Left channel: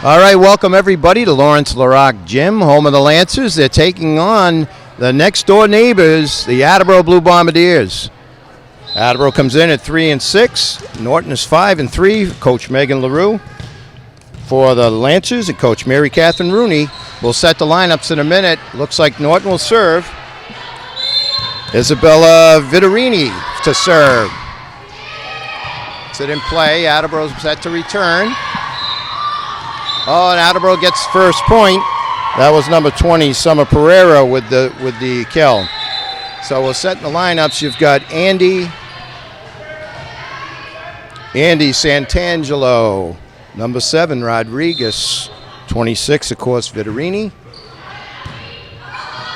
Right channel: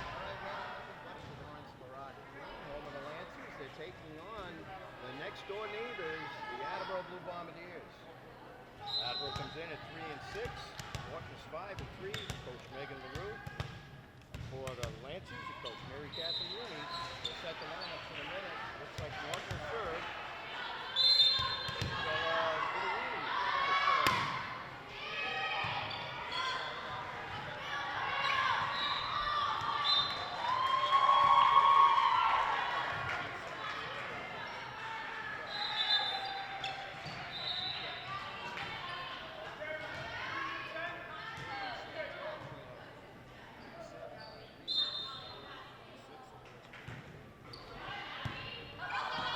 All right, welcome everybody to Lawrence LaRock Gym, home of the Lancers. They're taking on the next-door neighbors, the Attleboro Blue Bombardiers. Attleboro comes in at 3-6. Norton is 5-3. Coach Megan LaRue. For the Lancers, and Coach Mary Catherine Rooney will set the lineups in a minute. Looks like Norton will serve. Isabella Vitorini to serve. Sit in play. Attleboro's set to return. Oh, and Attleboro gets first point. That was number 20, Summer Pereira, with the kill. So we'll set in the lineups. You've got Andy Santangelo, number 7, Rodriguez, 26, of course, Vitorini.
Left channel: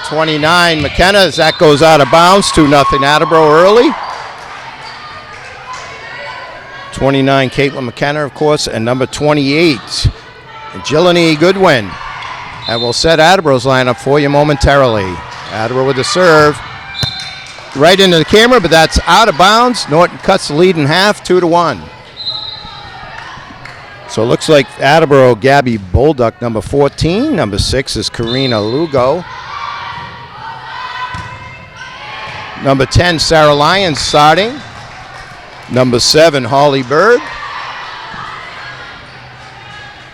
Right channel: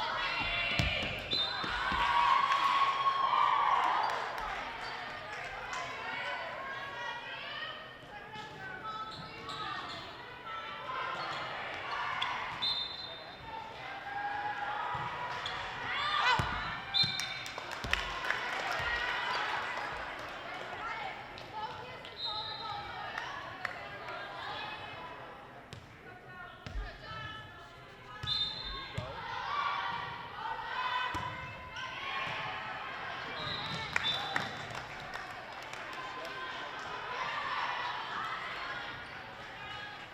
29, McKenna, as that goes out of bounds, 2-0 Attleboro early. 29, Caitlin McKenna, of course, and number 28, Jilliany Goodwin. And we'll set Attleboro's lineup for you momentarily. Attleboro with the serve. Right into the camera, but that's out of bounds. Norton cuts the lead in half, 2-1. So it looks like Attleboro, Gabby Bolduck, number 14. Number 6 is Karina Lugo. Number 10, Sarah Lyons starting. Number 7, Holly Berg.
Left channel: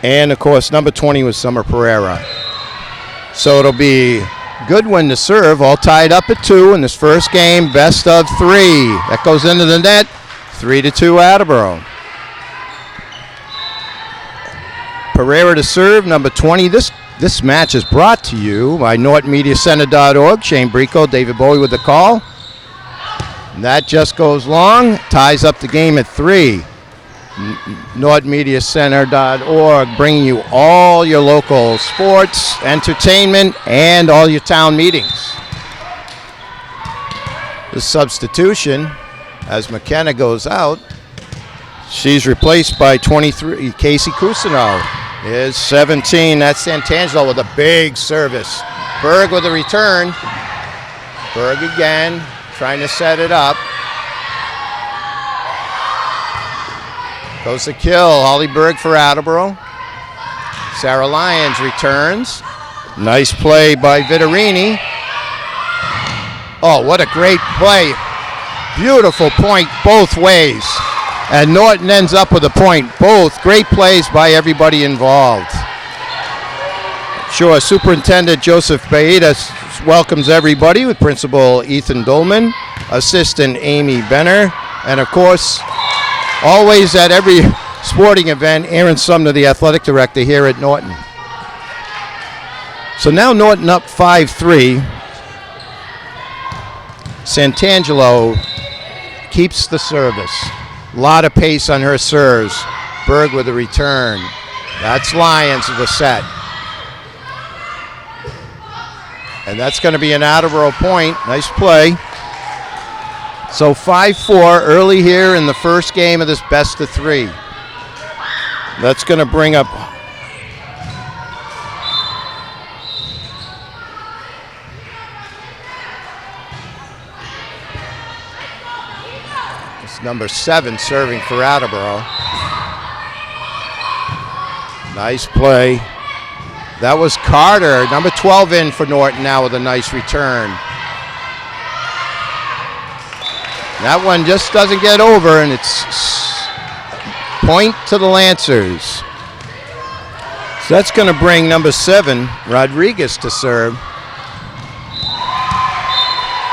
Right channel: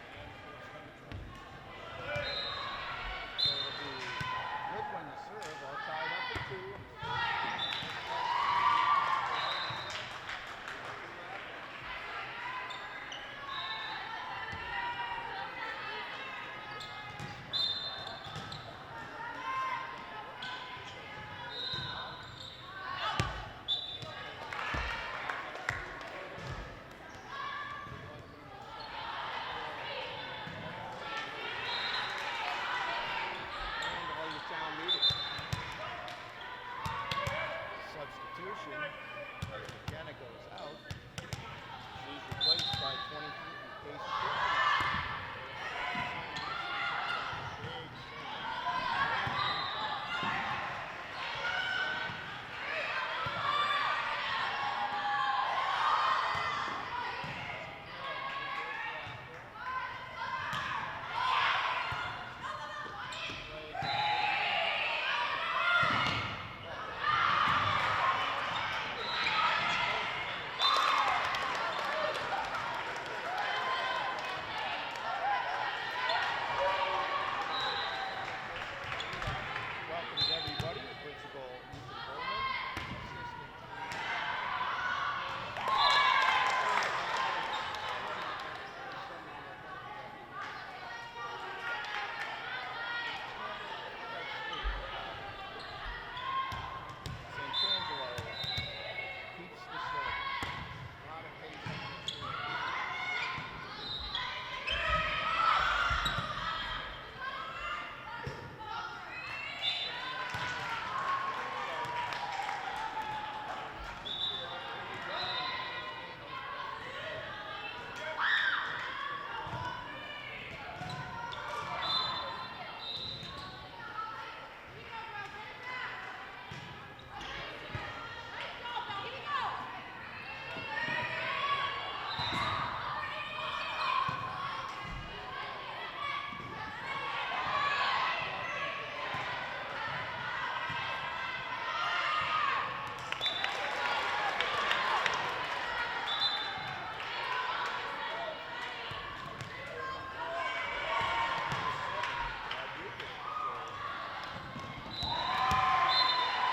And, of course, number 20 was Summer Pereira. So it'll be Goodwin to serve, all tied up at 2 in this first game, best of 3. That goes into the net, 3-2 Attleboro. Pereira to serve, number 20. This match is brought to you by NortonMediaCenter.org. Shane Brico, David Bowie with the call. And that just goes long, ties up the game at 3. NortonMediaCenter.org, bringing you all your local sports, entertainment, and all your town meetings. The substitution, as McKenna goes out, she's replaced by 23, Casey Cusino. Is 17, that's Santangelo with a big service. Berg with a return. Berg again, trying to set it up. Goes the kill, Holly Berg for Attleboro. Sarah Lyons returns. Nice play by Vitorini. Oh, what a great play. Beautiful point both ways. And Norton ends up with a point. Both great plays by everybody involved. Sure, Superintendent Joseph Baeta welcomes everybody with Principal Ethan Dolman, Assistant Amy Benner, and of course, always at every sporting event, Aaron Sumner, the athletic director here at Norton. So now Norton up 5-3. Santangelo keeps the service. A lot of pace on her serves. Berg with a return. That's Lyons with the set. And that's going to be an Attleboro point. Nice play. So 5-4 early here in the first game of this best of 3. That's going to bring up number 7 serving for Attleboro. Nice play. That was Carter, number 12 in for Norton now with a nice return. That one just doesn't get over, and it's point to the Lancers. So that's going to bring number 7, Rodriguez, to serve.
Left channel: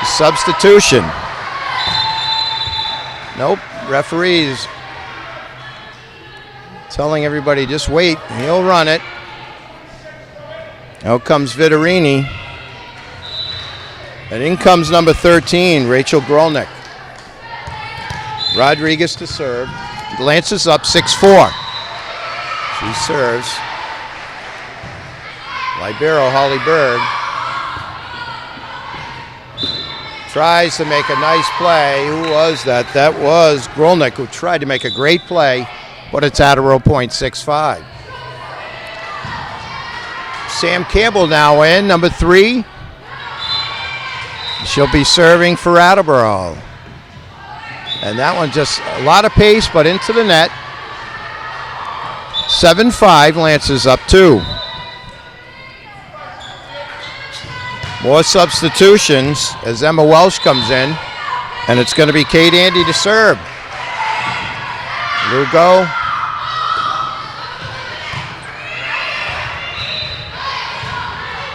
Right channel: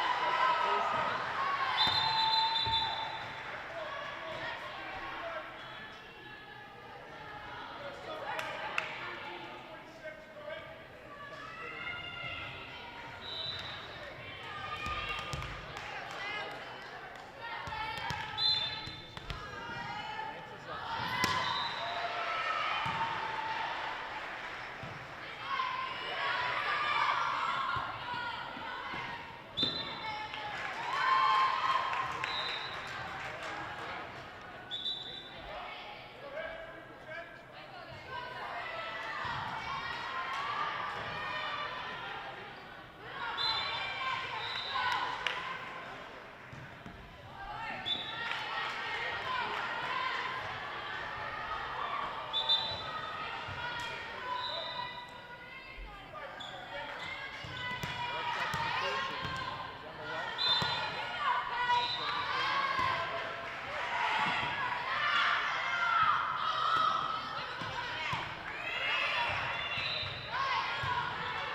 Substitution. Nope, referees telling everybody just wait, he'll run it. Out comes Vitorini. And in comes number 13, Rachel Grolnick. Rodriguez to serve. Lancers up 6-4. She serves. Libero, Holly Berg. Tries to make a nice play. Who was that? That was Grolnick, who tried to make a great play, but it's Attleboro point 6-5. Sam Campbell now in, number 3. She'll be serving for Attleboro. And that one just a lot of pace, but into the net. 7-5, Lancers up 2. More substitutions as Emma Welsh comes in, and it's going to be Kate Andy to serve. Lugo.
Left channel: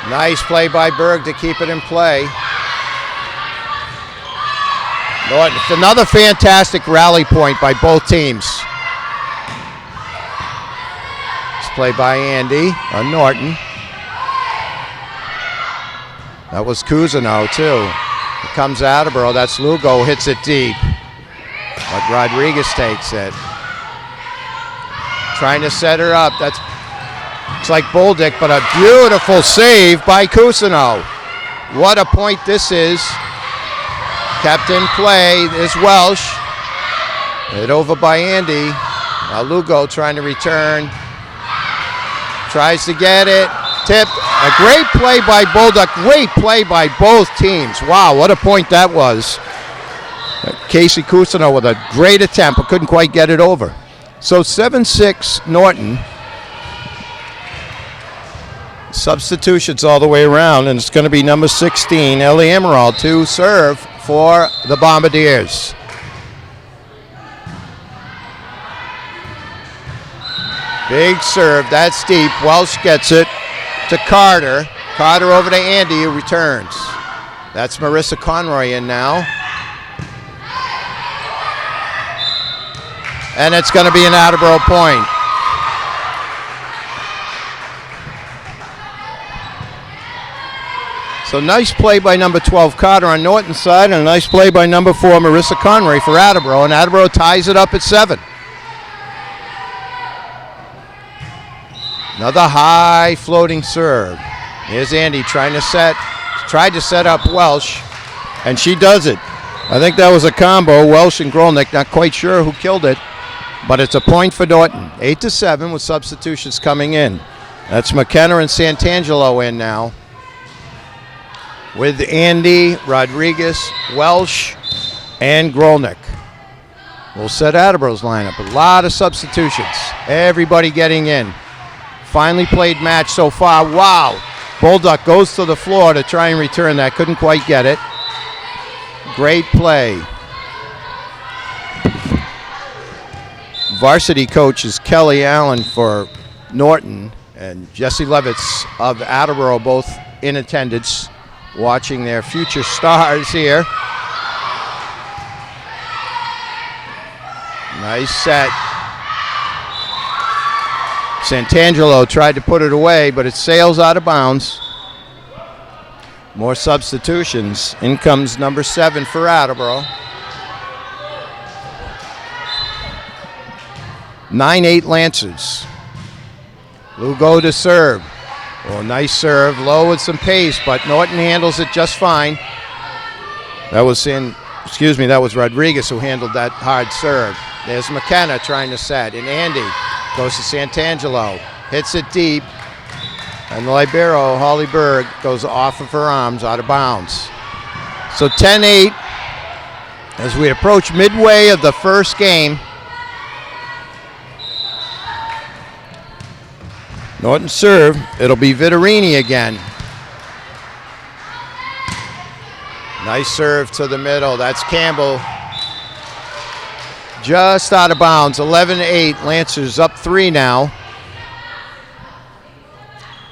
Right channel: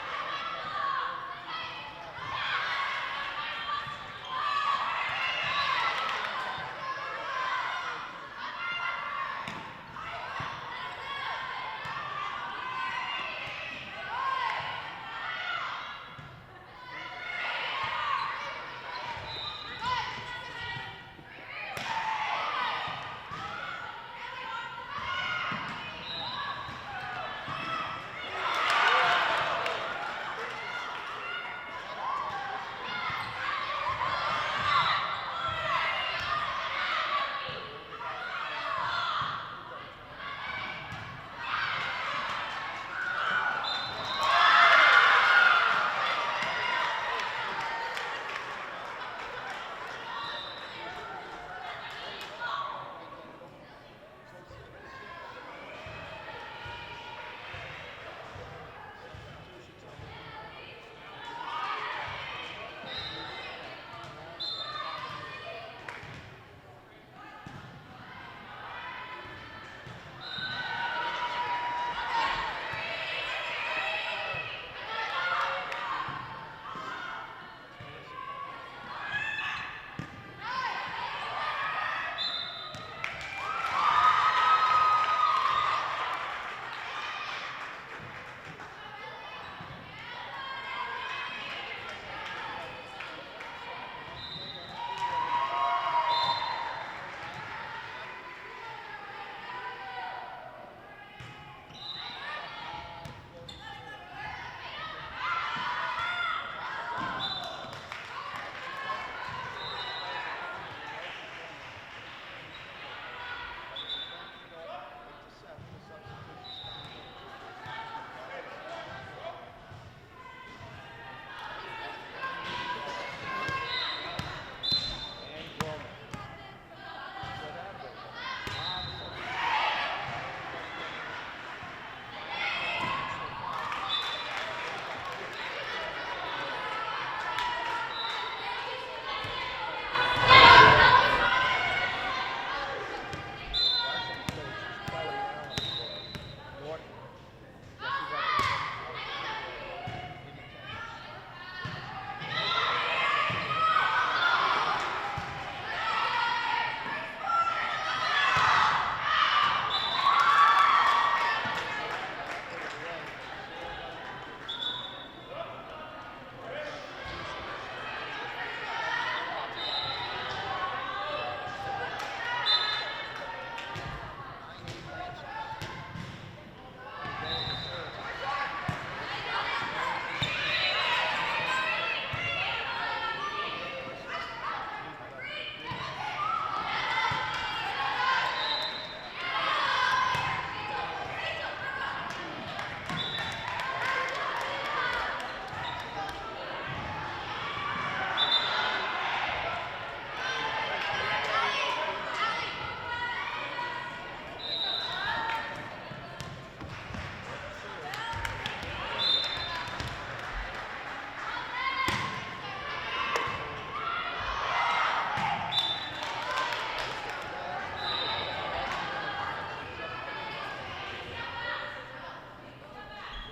Nice play by Berg to keep it in play. Norton, it's another fantastic rally point by both teams. It's played by Andy on Norton. That was Cousineau too. Here comes Attleboro, that's Lugo, hits it deep. But Rodriguez takes it. Trying to set her up, it's like Boldick, but a beautiful save by Cousineau. What a point this is. Kept in play is Welsh. Hit over by Andy. Now Lugo trying to return. Tries to get it. Tipped. A great play by Bolduck. Great play by both teams. Wow, what a point that was. Casey Cousineau with a great attempt, but couldn't quite get it over. So 7-6 Norton. Substitutions all the way around, and it's going to be number 16, Ellie Emerald, to serve for the Bombardiers. Big serve, that's deep. Welsh gets it to Carter. Carter over to Andy, who returns. That's Marissa Conroy in now. And it's going to be an Attleboro point. So nice play by number 12, Carter on Norton's side, and a nice play by number 4, Marissa Conroy for Attleboro, and Attleboro ties it up at 7. Another high floating serve. Here's Andy tried to set up Welsh, and she does it. I think that was a combo, Welsh and Grolnick, not quite sure who killed it, but it's a point for Norton. 8-7 with substitutions coming in. That's McKenna and Santangelo in now, with Andy, Rodriguez, Welsh, and Grolnick. We'll set Attleboro's lineup. A lot of substitutions. Everybody getting in. Finally played match so far. Wow. Bolduck goes to the floor to try and return that. Couldn't quite get it. Great play. Varsity coach is Kelly Allen for Norton, and Jesse Levitz of Attleboro both in attendance, watching their future stars here. Nice set. Santangelo tried to put it away, but it sails out of bounds. More substitutions. In comes number 7 for Attleboro. 9-8 Lancers. Lugo to serve. Oh, nice serve, low with some pace, but Norton handles it just fine. That was Rodriguez who handled that hard serve. There's McKenna trying to set, and Andy goes to Santangelo, hits it deep, and the libero, Holly Berg, goes off of her arms, out of bounds. So 10-8 as we approach midway of the first game. Norton serve, it'll be Vittorini again. Nice serve to the middle, that's Campbell. Just out of bounds, 11-8, Lancers up 3 now.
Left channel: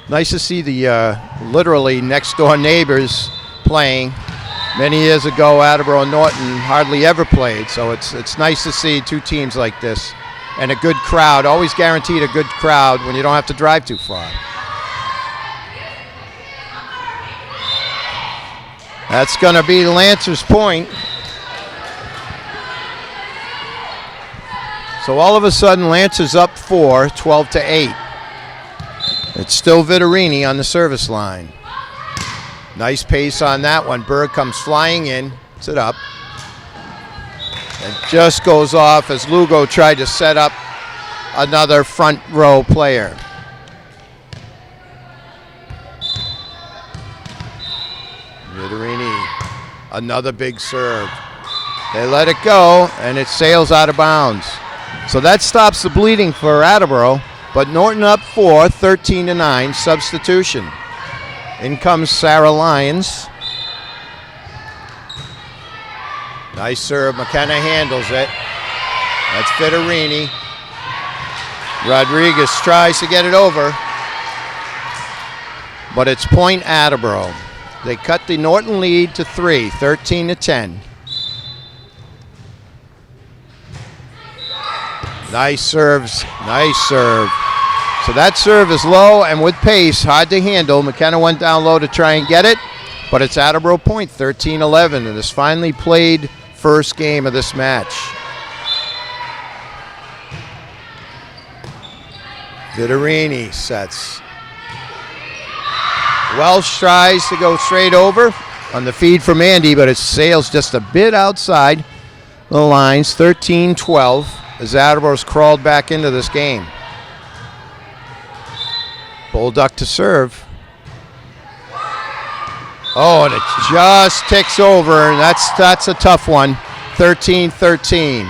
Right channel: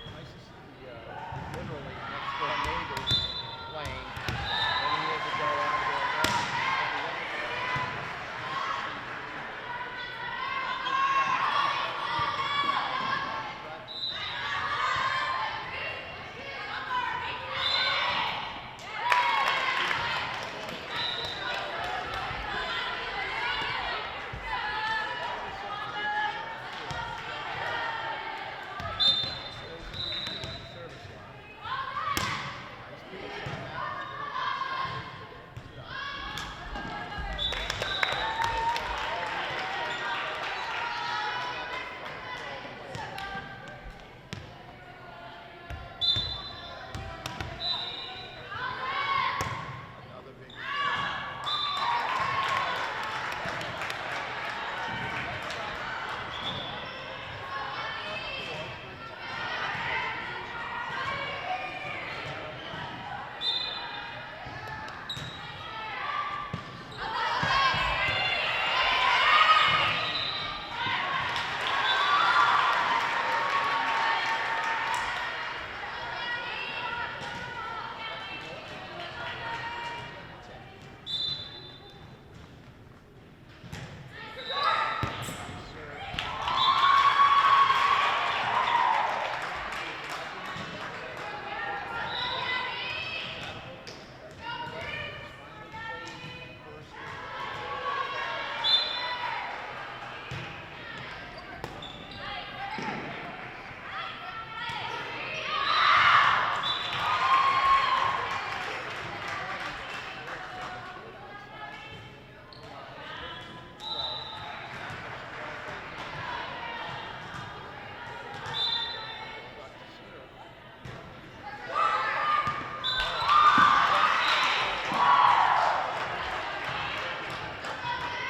Nice to see the literally next door neighbors playing. Many years ago, Attleboro and Norton hardly ever played, so it's nice to see two teams like this. And a good crowd, always guaranteed a good crowd when you don't have to drive too far. That's going to be Lancers' point. So all of a sudden, Lancers up 4, 12-8. It's still Vittorini on the service line. Nice pace on that one. Berg comes flying in, puts it up. And just goes off as Lugo tried to set up another front row player. Vittorini, another big serve. They let it go, and it sails out of bounds. So that stops the bleeding for Attleboro. but Norton up 4, 13-9, substitution. In comes Sarah Lyons. Nice serve, McKenna handles it. That's Fitterini. Rodriguez tries to get it over, but it's point Attleboro. They cut the Norton lead to 3, 13-10. Nice serves, nice serve. So that serve is low and with pace, hard to handle. McKenna went down low to try and get it, but it's Attleboro point, 13-11, and this finally played first game of this match. Vittorini sets. Welsh tries to go straight over on the feed from Andy, but it sails just a bit outside the lines, 13-12, as Attleboro's crawled back into this game. Bolduc to serve. Oh, and it just ticks over, and that's a tough one, 13-13.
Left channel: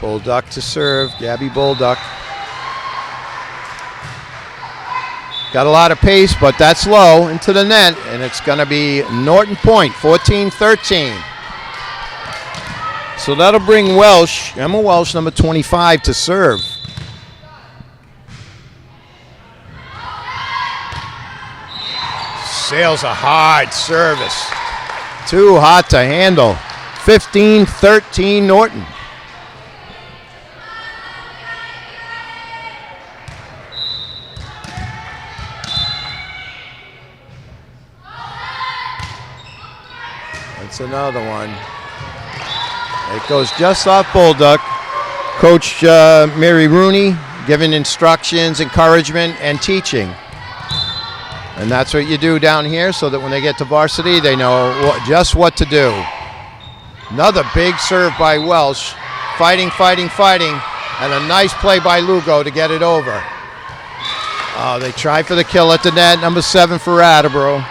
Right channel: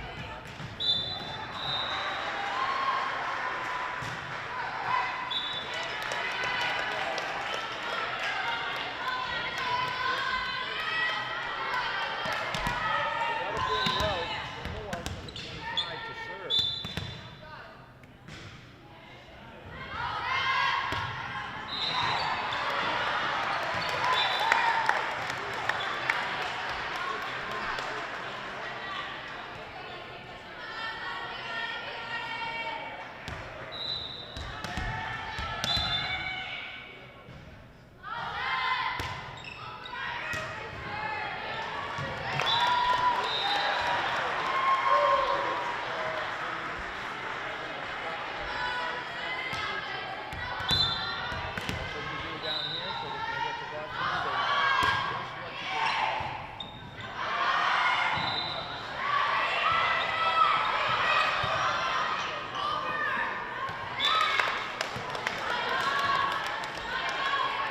Bolduc to serve, Gabby Bolduc. Got a lot of pace, but that's low into the net, and it's going to be Norton point, 14-13. So that'll bring Welsh, Emma Welsh, number 25, to serve. Sails a hard service. Too hot to handle. 15-13 Norton. That's another one. It goes just off Bolduc. Coach Mary Rooney giving instructions, encouragement, and teaching. And that's what you do down here so that when they get to varsity, they know just what to do. Another big serve by Welsh. Fighting, fighting, fighting. And a nice play by Lugo to get it over. Oh, they try for the kill at the net. Number 7 for Attleboro.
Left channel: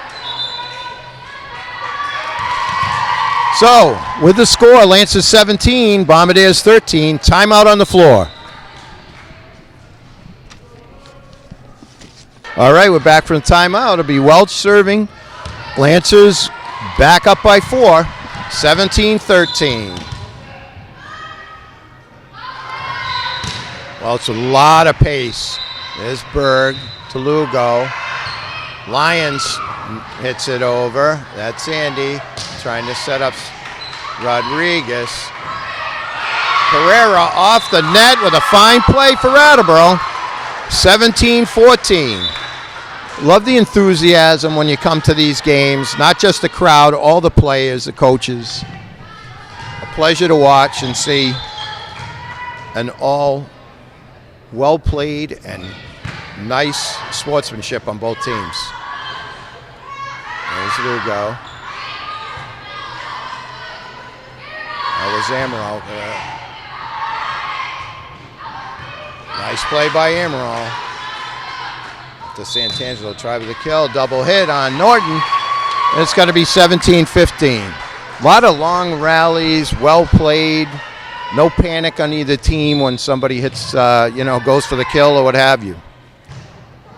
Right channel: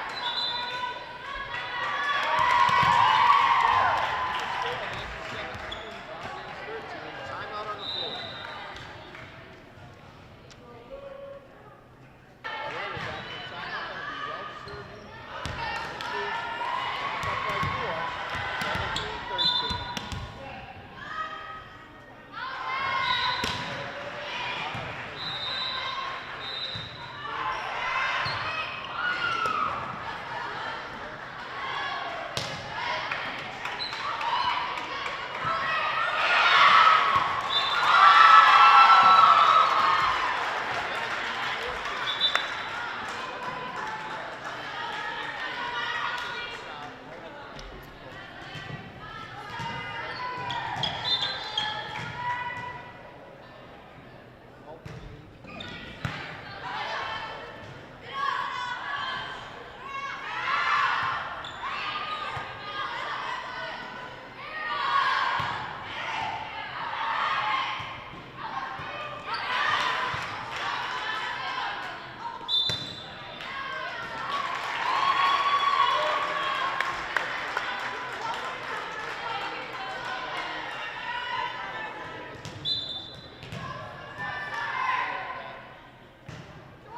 So, with the score, Lancers 17, Bombardiers 13. Timeout on the floor. All right, we're back from the timeout. It'll be Welch serving. Lancers back up by 4, 17-13. Well, it's a lot of pace. There's Berg to Lugo. Lyons hits it over. That's Andy trying to set up Rodriguez. Pereira off the net with a fine play for Attleboro. 17-14. Love the enthusiasm when you come to these games. Not just the crowd, all the players, the coaches. A pleasure to watch and see. And all well played and nice sportsmanship on both teams. There's Lugo. That was Amaral there. Nice play by Amaral. To Santangelo, try with the kill, double hit on Norton. And it's going to be 17-15. A lot of long rallies, well played. No panic on either team when somebody hits, goes for the kill or what have you.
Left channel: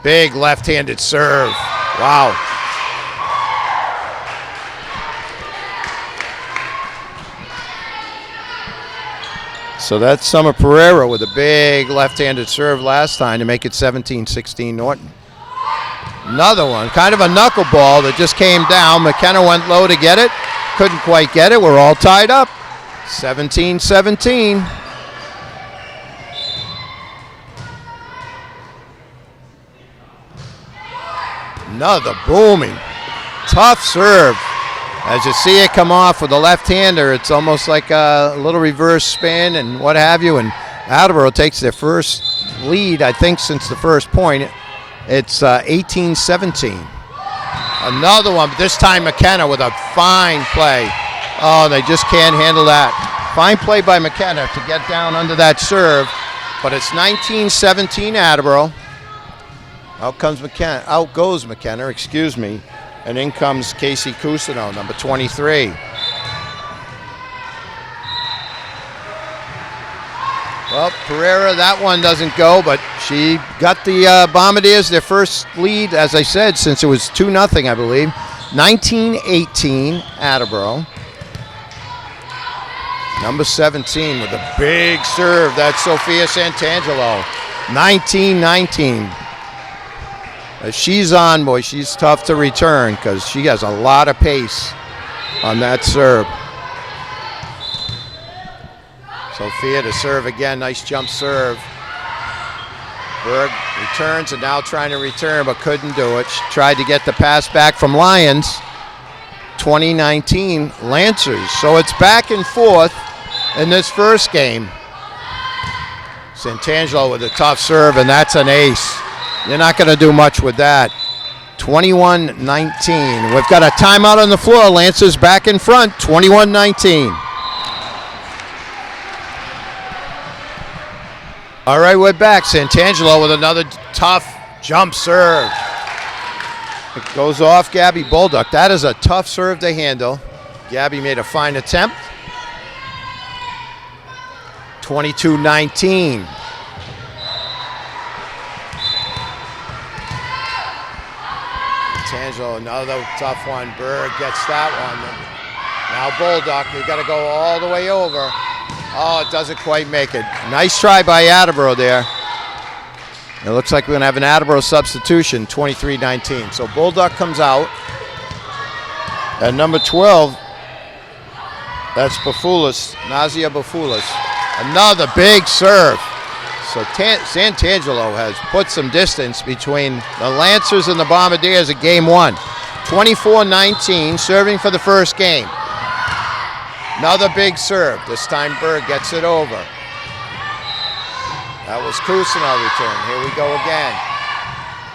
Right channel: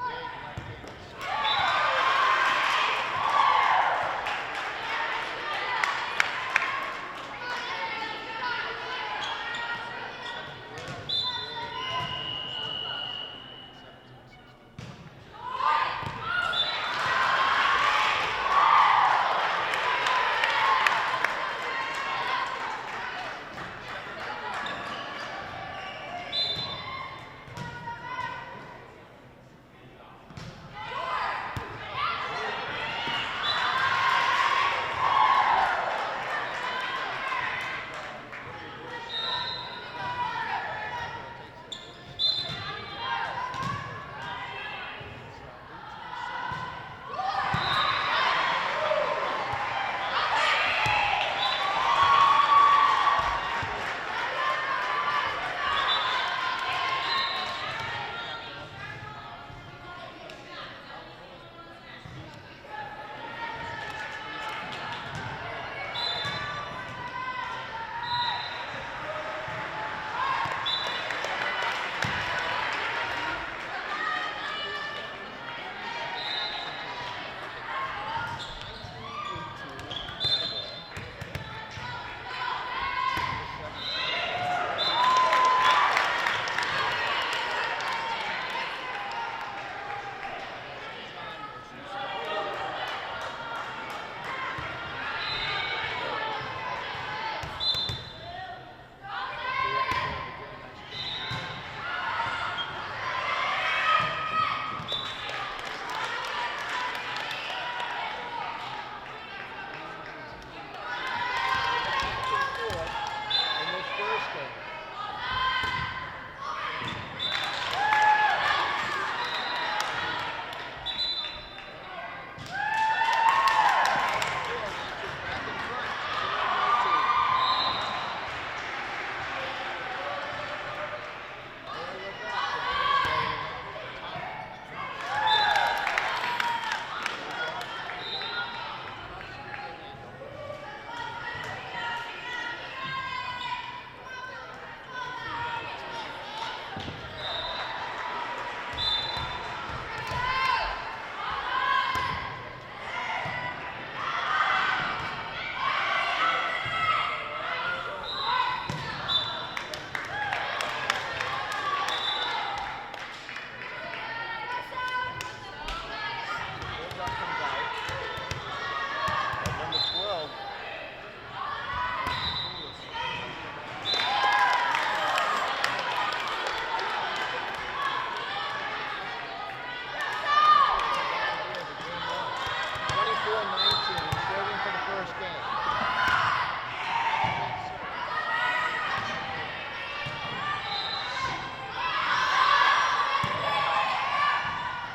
Big left-handed serve. Wow. So that's Summer Pereira with a big left-handed serve last time to make it 17-16 Norton. Another one, kind of a knuckleball that just came down. McKenna went low to get it. Couldn't quite get it. We're all tied up. 17-17. Another booming, tough serve. As you see it come off with a left-hander, it's almost like a little reverse spin and what have you. And Attleboro takes their first lead, I think, since the first point. It's 18-17. Another one, but this time McKenna with a fine play. Oh, they just can't handle that. Fine play by McKenna to get down under that serve. But it's 19-17 Attleboro. Out goes McKenna, and in comes Casey Cusino, number 23. Well, Pereira, that one doesn't go, but she got the Bombardiers their first lead, as I said, since it was 2-0, I believe. 19-18, Attleboro. Number 17 with a big serve. That's Sophia Santangelo. 19-19. If she's on, boy, she's tough to return because she has a lot of pace on that serve. Sophia to serve again. Nice jump serve. Berg returns and now trying to return but couldn't do it. She tried to get the pass back from Lions. 2019 Lancers. So it's back and forth in this first game. Santangelo with a tough serve, and that's an ace. You're not going to do much with that. 21-19. We've got a timeout on the floor. Lancers back in front, 21-19. All right, we're back. Santangelo with another tough jump serve. It goes off Gabby Bolduc. That is a tough serve to handle. Gabby made a fine attempt. 22-19. Santangelo, another tough one. Berg gets that one. Now Bolduc, you got to go all the way over. Oh, it doesn't quite make it. Nice try by Attleboro there. It looks like we're going to have an Attleboro substitution, 23-19. So Bolduc comes out. At number 12, that's Bafoulas, Nazia Bafoulas. Another big serve. So Santangelo has put some distance between the Lancers and the Bombardiers at game one. 24-19, serving for the first game. Another big serve. This time Berg gets it over. That was Cousineau return. Here we go again.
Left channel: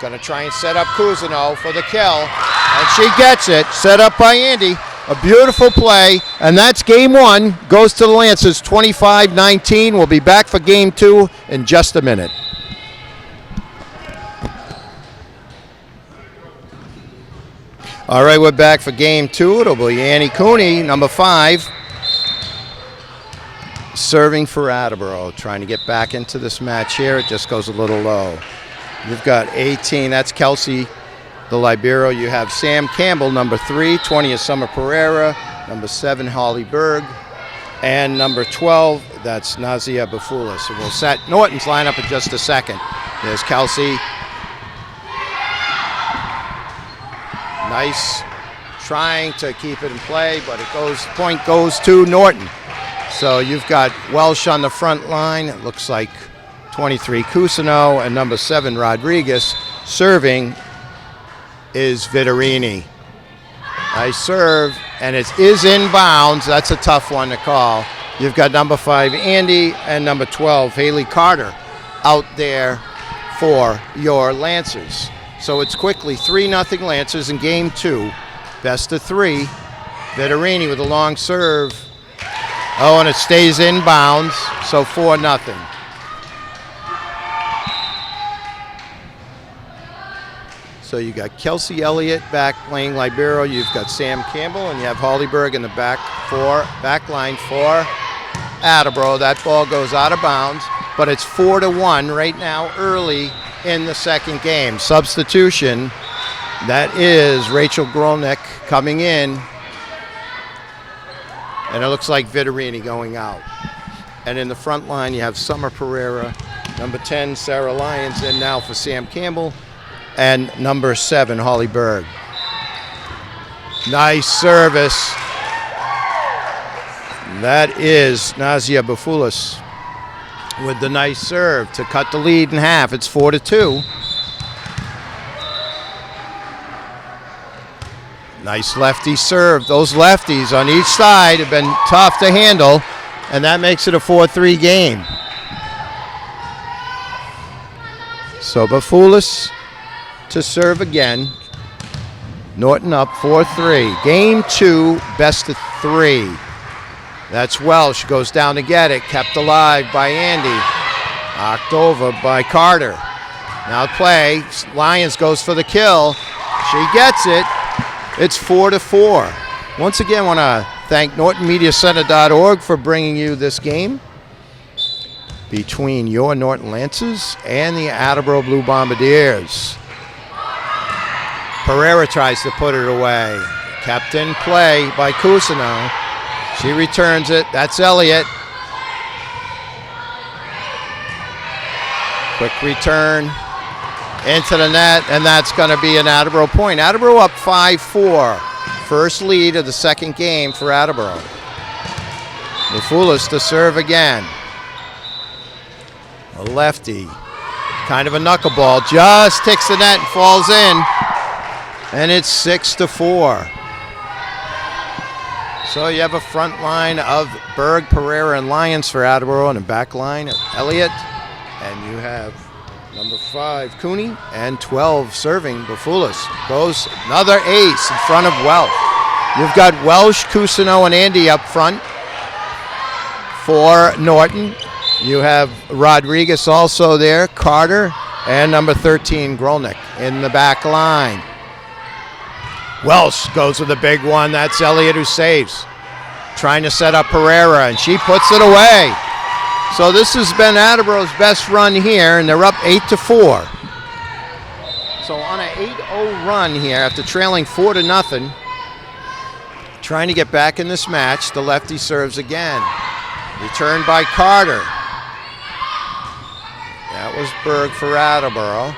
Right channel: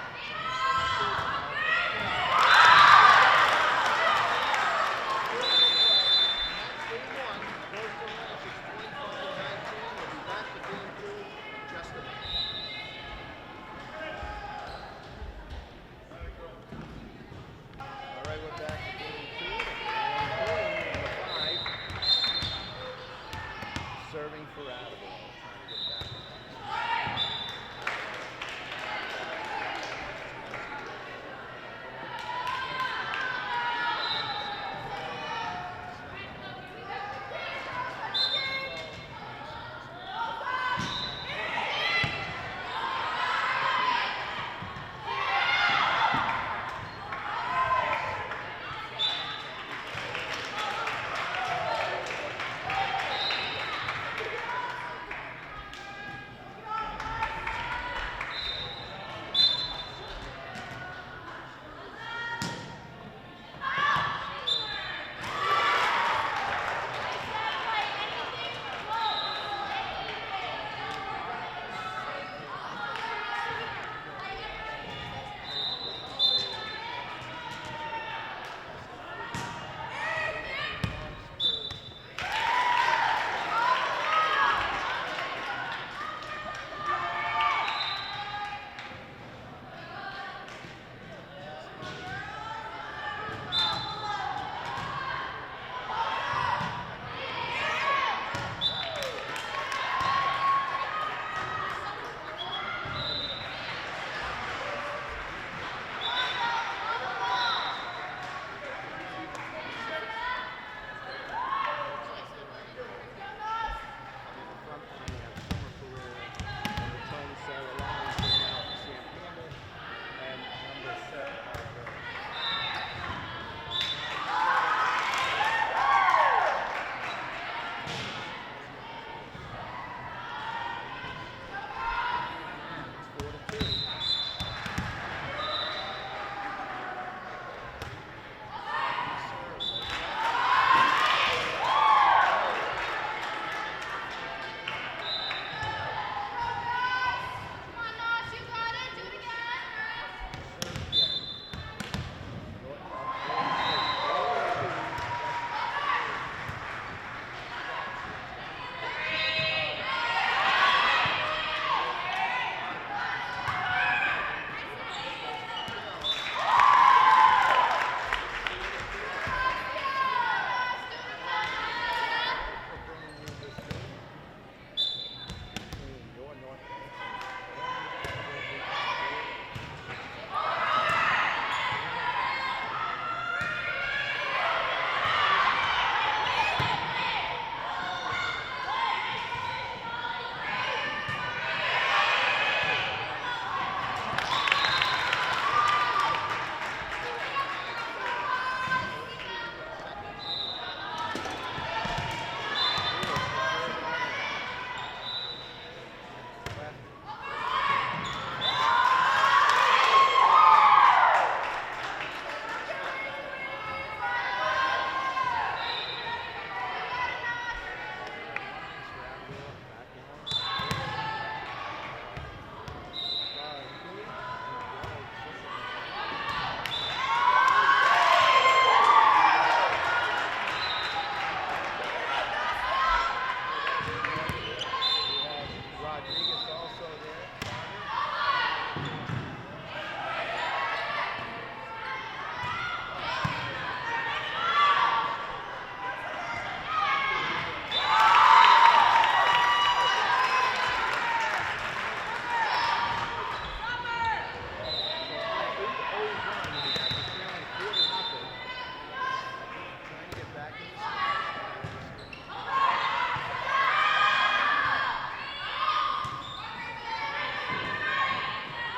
Going to try and set up Cousineau for the kill. And she gets it. Set up by Andy. A beautiful play. And that's game one. Goes to the Lancers 25-19. We'll be back for game two in just a minute. All right, we're back for game two. It'll be Annie Cooney, number 5. Serving for Attleboro, trying to get back into this match here. It just goes a little low. You've got 18, that's Kelsey, the libero. You have Sam Campbell, number 3. 20 is Summer Pereira. Number 7, Holly Berg. And number 12, that's Nazia Bafoulas. So we'll set Norton's lineup in just a second. There's Kelsey. Nice, trying to keep it in play, but point goes to Norton. So you've got Welsh on the front line. It looks like 23 Cousineau and number 7 Rodriguez. Serving is Viterini. Nice serve, and it is inbounds. That's a tough one to call. You've got number 5 Andy and number 12 Haley Carter out there for your Lancers. So it's quickly 3-0 Lancers in game 2. Best of 3. Viterini with a long serve. Oh, and it stays inbounds, so 4-0. So you got Kelsey Elliott back playing libero. You've got Sam Campbell, and you have Holly Berg in the back line for Attleboro. That ball goes out of bounds, but it's 4-1 right now early in the second game. Substitution, that is Rachel Grolnick coming in. And it looks like Viterini going out. And in the front line, you have Summer Pereira, number 10, Sarah Lyons, and now for Sam Campbell, and number 7, Holly Berg. Nice service. That is Nazia Bafoulas with the nice serve to cut the lead in half. It's 4-2. Nice lefty serve. Those lefties on each side have been tough to handle, and that makes it a 4-3 game. So Bafoulas to serve again. Norton up 4-3. Game 2, best of 3. That's Welsh, goes down to get it. Kept alive by Andy. Knocked over by Carter. Now play. Lyons goes for the kill. She gets it. It's 4-4. Once again, I want to thank NortonMediaCenter.org for bringing you this game. between your Norton Lancers and the Attleboro Blue Bombardiers. Pereira tries to put it away. Kept in play by Cousineau. She returns it. That's Elliott. Quick return into the net, and that's going to be an Attleboro point. Attleboro up 5-4. First lead of the second game for Attleboro. Mafoulis to serve again. A lefty, kind of a knuckleball, just ticks the net and falls in, and it's 6-4. So you have a front line of Berg, Pereira, and Lyons for Attleboro, and a back line of Elliott, and you have number 5, Cooney, and 12 serving, Mafoulis. Goes another ace in front of Welsh. You've got Welsh, Cousineau, and Andy up front for Norton. You have Rodriguez also there, Carter, and number 13, Grolnick in the back line. Welsh goes with the big one. That's Elliott who saves. Trying to set up Pereira, and she puts it away. So this has been Attleboro's best run here, and they're up 8-4. So on an 8-0 run here, after trailing 4-0, trying to get back in this match, the lefty serves again. Returned by Carter. That was Berg for Attleboro.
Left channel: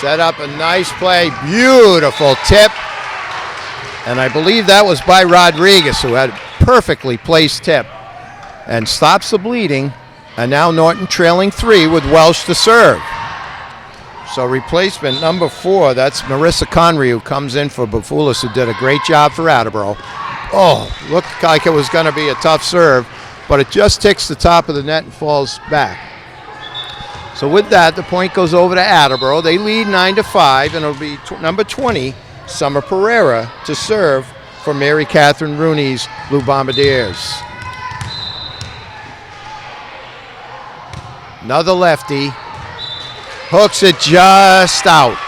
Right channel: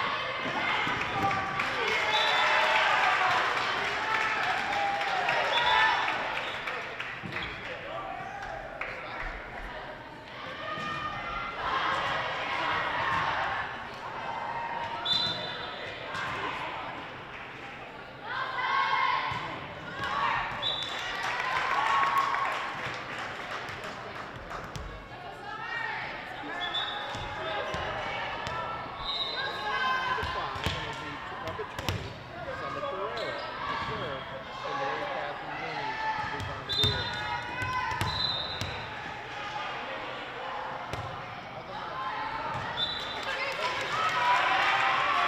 Set up a nice play, beautiful tip. And I believe that was by Rodriguez, who had a perfectly placed tip. And stops the bleeding. And now Norton trailing 3 with Welsh to serve. So replacement number 4, that's Marissa Conry, who comes in for Mafoulis, who did a great job for Attleboro. Oh, looked like it was going to be a tough serve, but it just ticks the top of the net and falls back. So with that, the point goes over to Attleboro. They lead 9-5, and it'll be number 20, Summer Pereira, to serve for Mary Catherine Rooney's Blue Bombardiers. Another lefty. Hooks it just out.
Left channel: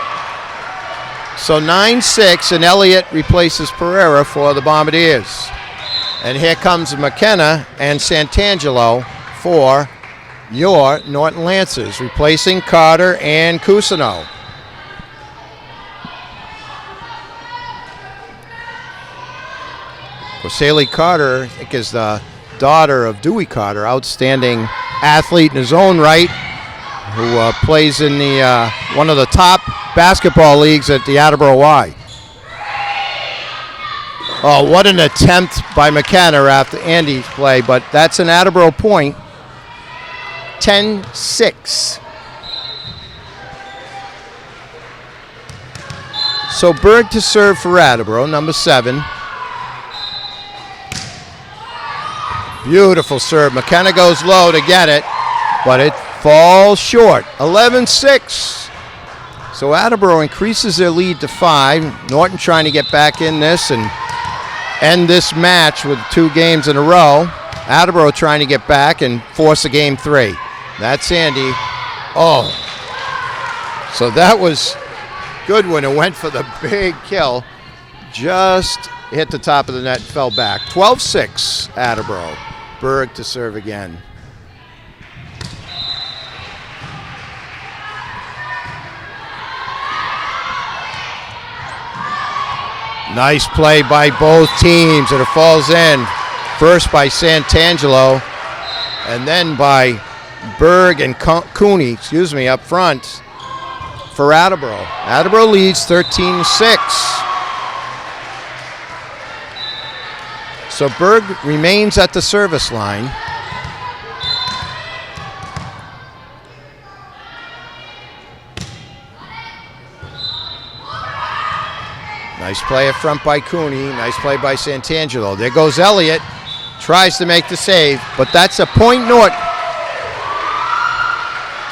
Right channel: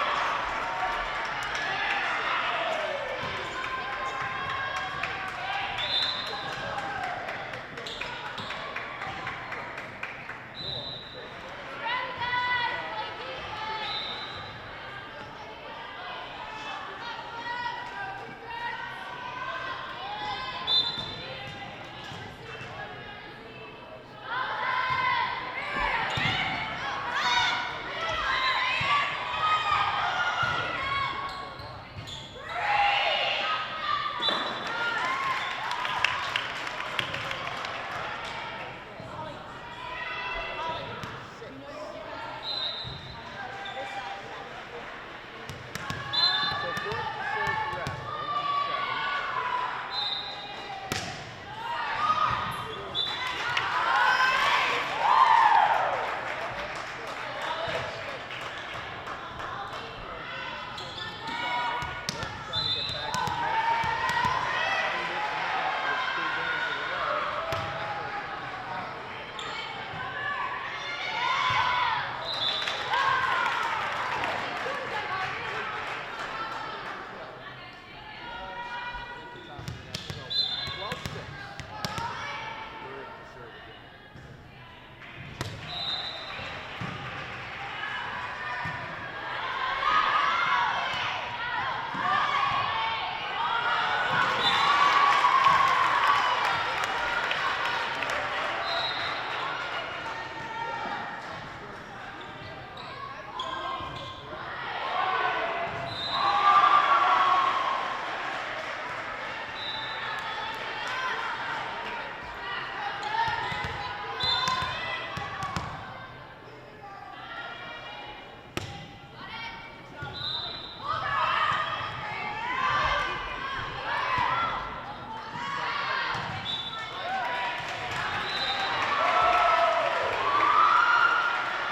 So 9-6, and Elliott replaces Pereira for the Bombardiers. And here comes McKenna and Santangelo for your Norton Lancers, replacing Carter and Cousineau. Corsalie Carter, I think, is the daughter of Dewey Carter, outstanding athlete in his own right, who plays in the one of the top basketball leagues at the Attleboro Y. Oh, what an attempt by McKenna after Andy's play, but that's an Attleboro point. 10-6. So Berg to serve for Attleboro, number 7. Beautiful serve. McKenna goes low to get it, but it falls short. 11-6. So Attleboro increases their lead to 5. Norton trying to get back in this and end this match with 2 games in a row. Attleboro trying to get back and force a game 3. That's Andy. Oh. So that was good when it went for the big kill. Just hit the top of the net and fell back. 12-6, Attleboro. Berg to serve again. Nice play by both teams, and it falls in. First by Santangelo, and then by Berg and Cooney, up front for Attleboro. Attleboro leads 13-6. So Berg remains at the service line. Nice play up front by Cooney. Nice play by Santangelo. There goes Elliott. Tries to make the save, but that's a point Norton.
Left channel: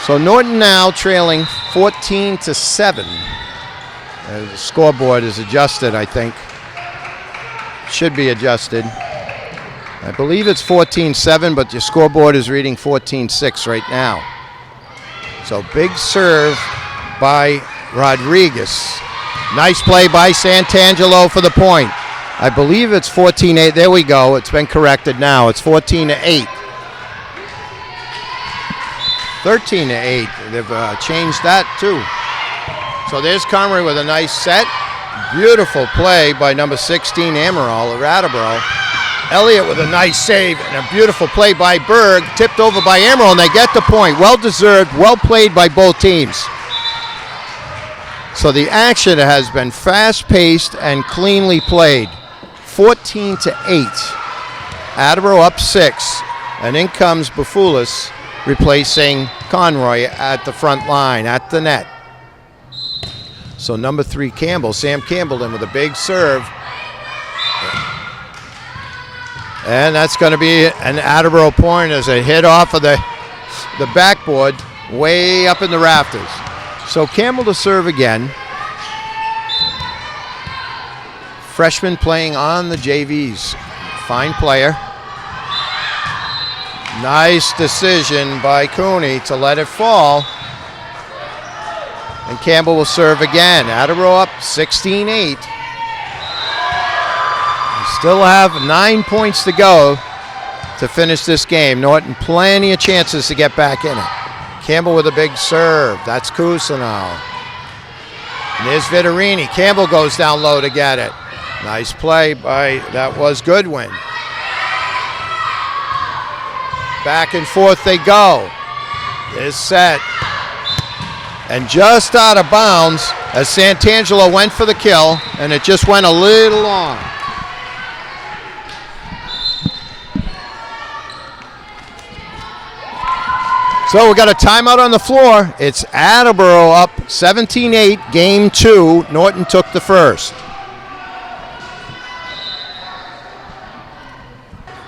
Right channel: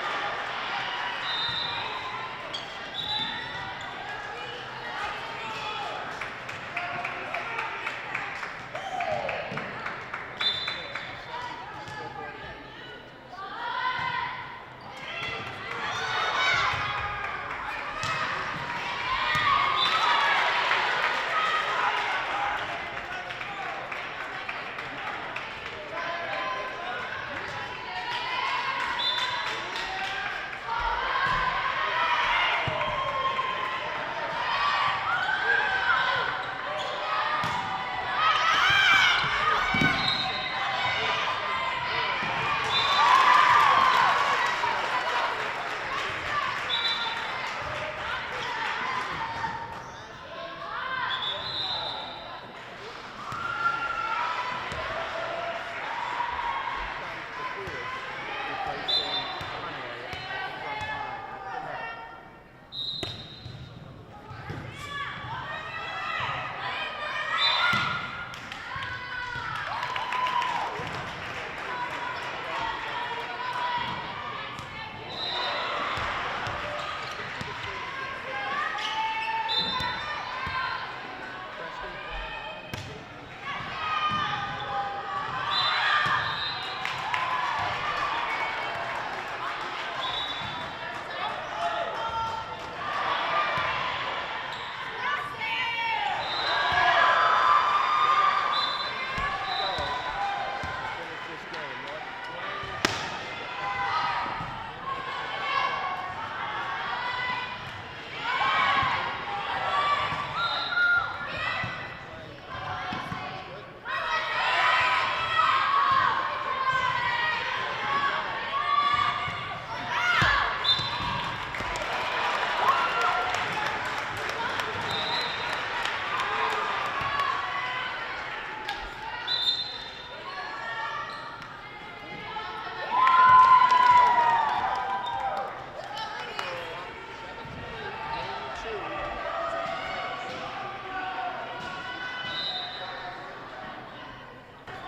So Norton now trailing 14-7. The scoreboard is adjusted, I think. Should be adjusted. I believe it's 14-7, but your scoreboard is reading 14-6 right now. So big serve by Rodriguez. Nice play by Santangelo for the point. I believe it's 14-8. There we go. It's been corrected now. It's 14-8. 13-8. They've changed that too. So there's Conroy with a nice set. Beautiful play by number 16, Amaral of Attleboro. Elliott with a nice save and a beautiful play by Berg, tipped over by Amaral, and they get the point. Well deserved, well played by both teams. So the action has been fast-paced and cleanly played. 14-8. Attleboro up 6, and in comes Bafoulis replacing Conroy at the front line, at the net. So number 3, Campbell, Sam Campbell in with a big serve. And that's going to be an Attleboro point as a hit off of the backboard way up in the rafters. So Campbell to serve again. Freshman playing on the JVs. Fine player. Nice decision by Cooney to let it fall. And Campbell will serve again. Attleboro up 16-8. Still have 9 points to go to finish this game. Norton plenty of chances to get back in it. Campbell with a big serve. That's Cousineau. And there's Vittorini. Campbell goes down low to get it. Nice play by, that was Goodwin. Back and forth they go. There's set. And just out of bounds as Santangelo went for the kill, and it just went a little long. So we got a timeout on the floor. It's Attleboro up 17-8, game 2. Norton took the first.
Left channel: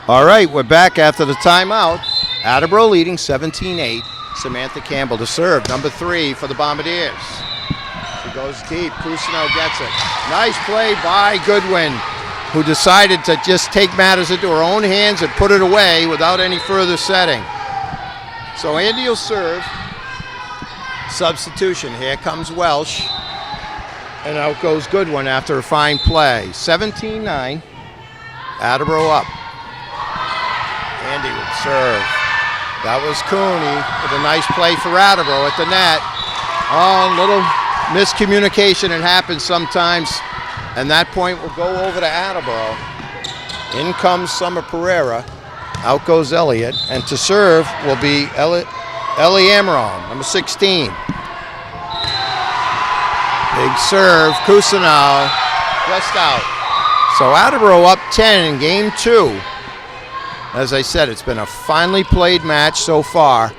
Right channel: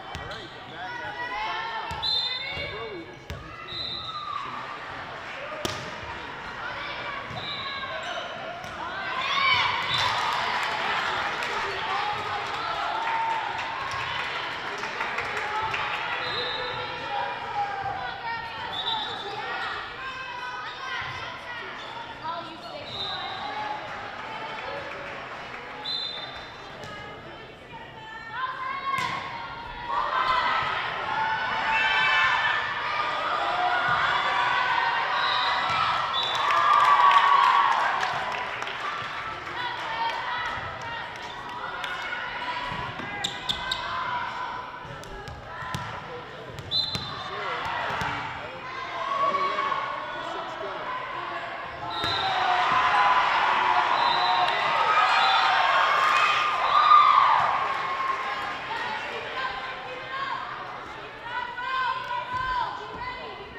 All right, we're back after the timeout. Attleboro leading 17-8. Samantha Campbell to serve, number 3 for the Bombardiers. She goes deep, Cousineau gets it. Nice play by Goodwin, who decided to just take matters into her own hands and put it away without any further setting. So Andy will serve. Substitution. Here comes Welsh. And out goes Goodwin after a fine play. 17-9. Attleboro up. Andy would serve. That was Cooney with a nice play for Attleboro at the net. Oh, little miscommunication. It happens sometimes. And that point will go over to Attleboro. In comes Summer Pereira. Out goes Elliott, and to serve will be Ellie Amaral, number 16. Big serve, Cousineau, just out. So Attleboro up 10 in game 2. As I said, it's been a finely played match so far.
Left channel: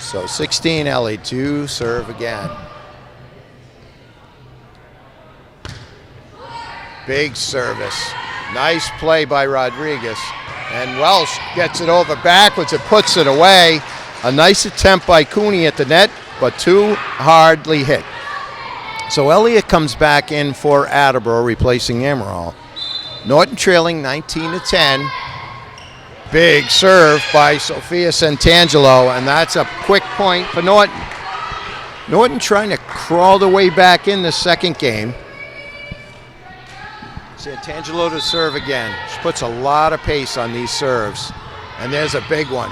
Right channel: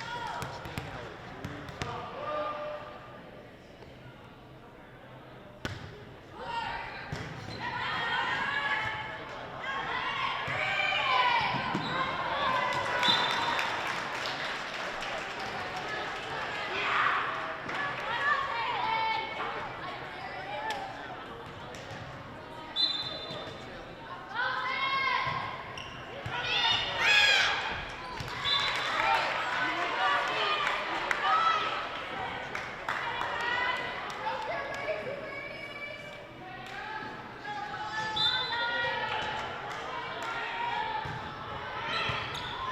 So 16 Ellie to serve again. Big service. Nice play by Rodriguez. And Welsh gets it over backwards and puts it away. A nice attempt by Cooney at the net, but too hardly hit. So Elliott comes back in for Attleboro, replacing Amaral. Norton trailing 19-10. Big serve by Sophia Santangelo, and that's a quick point for Norton. Norton trying to crawl their way back in the second game. Santangelo to serve again. She puts a lot of pace on these serves. And there's a big one.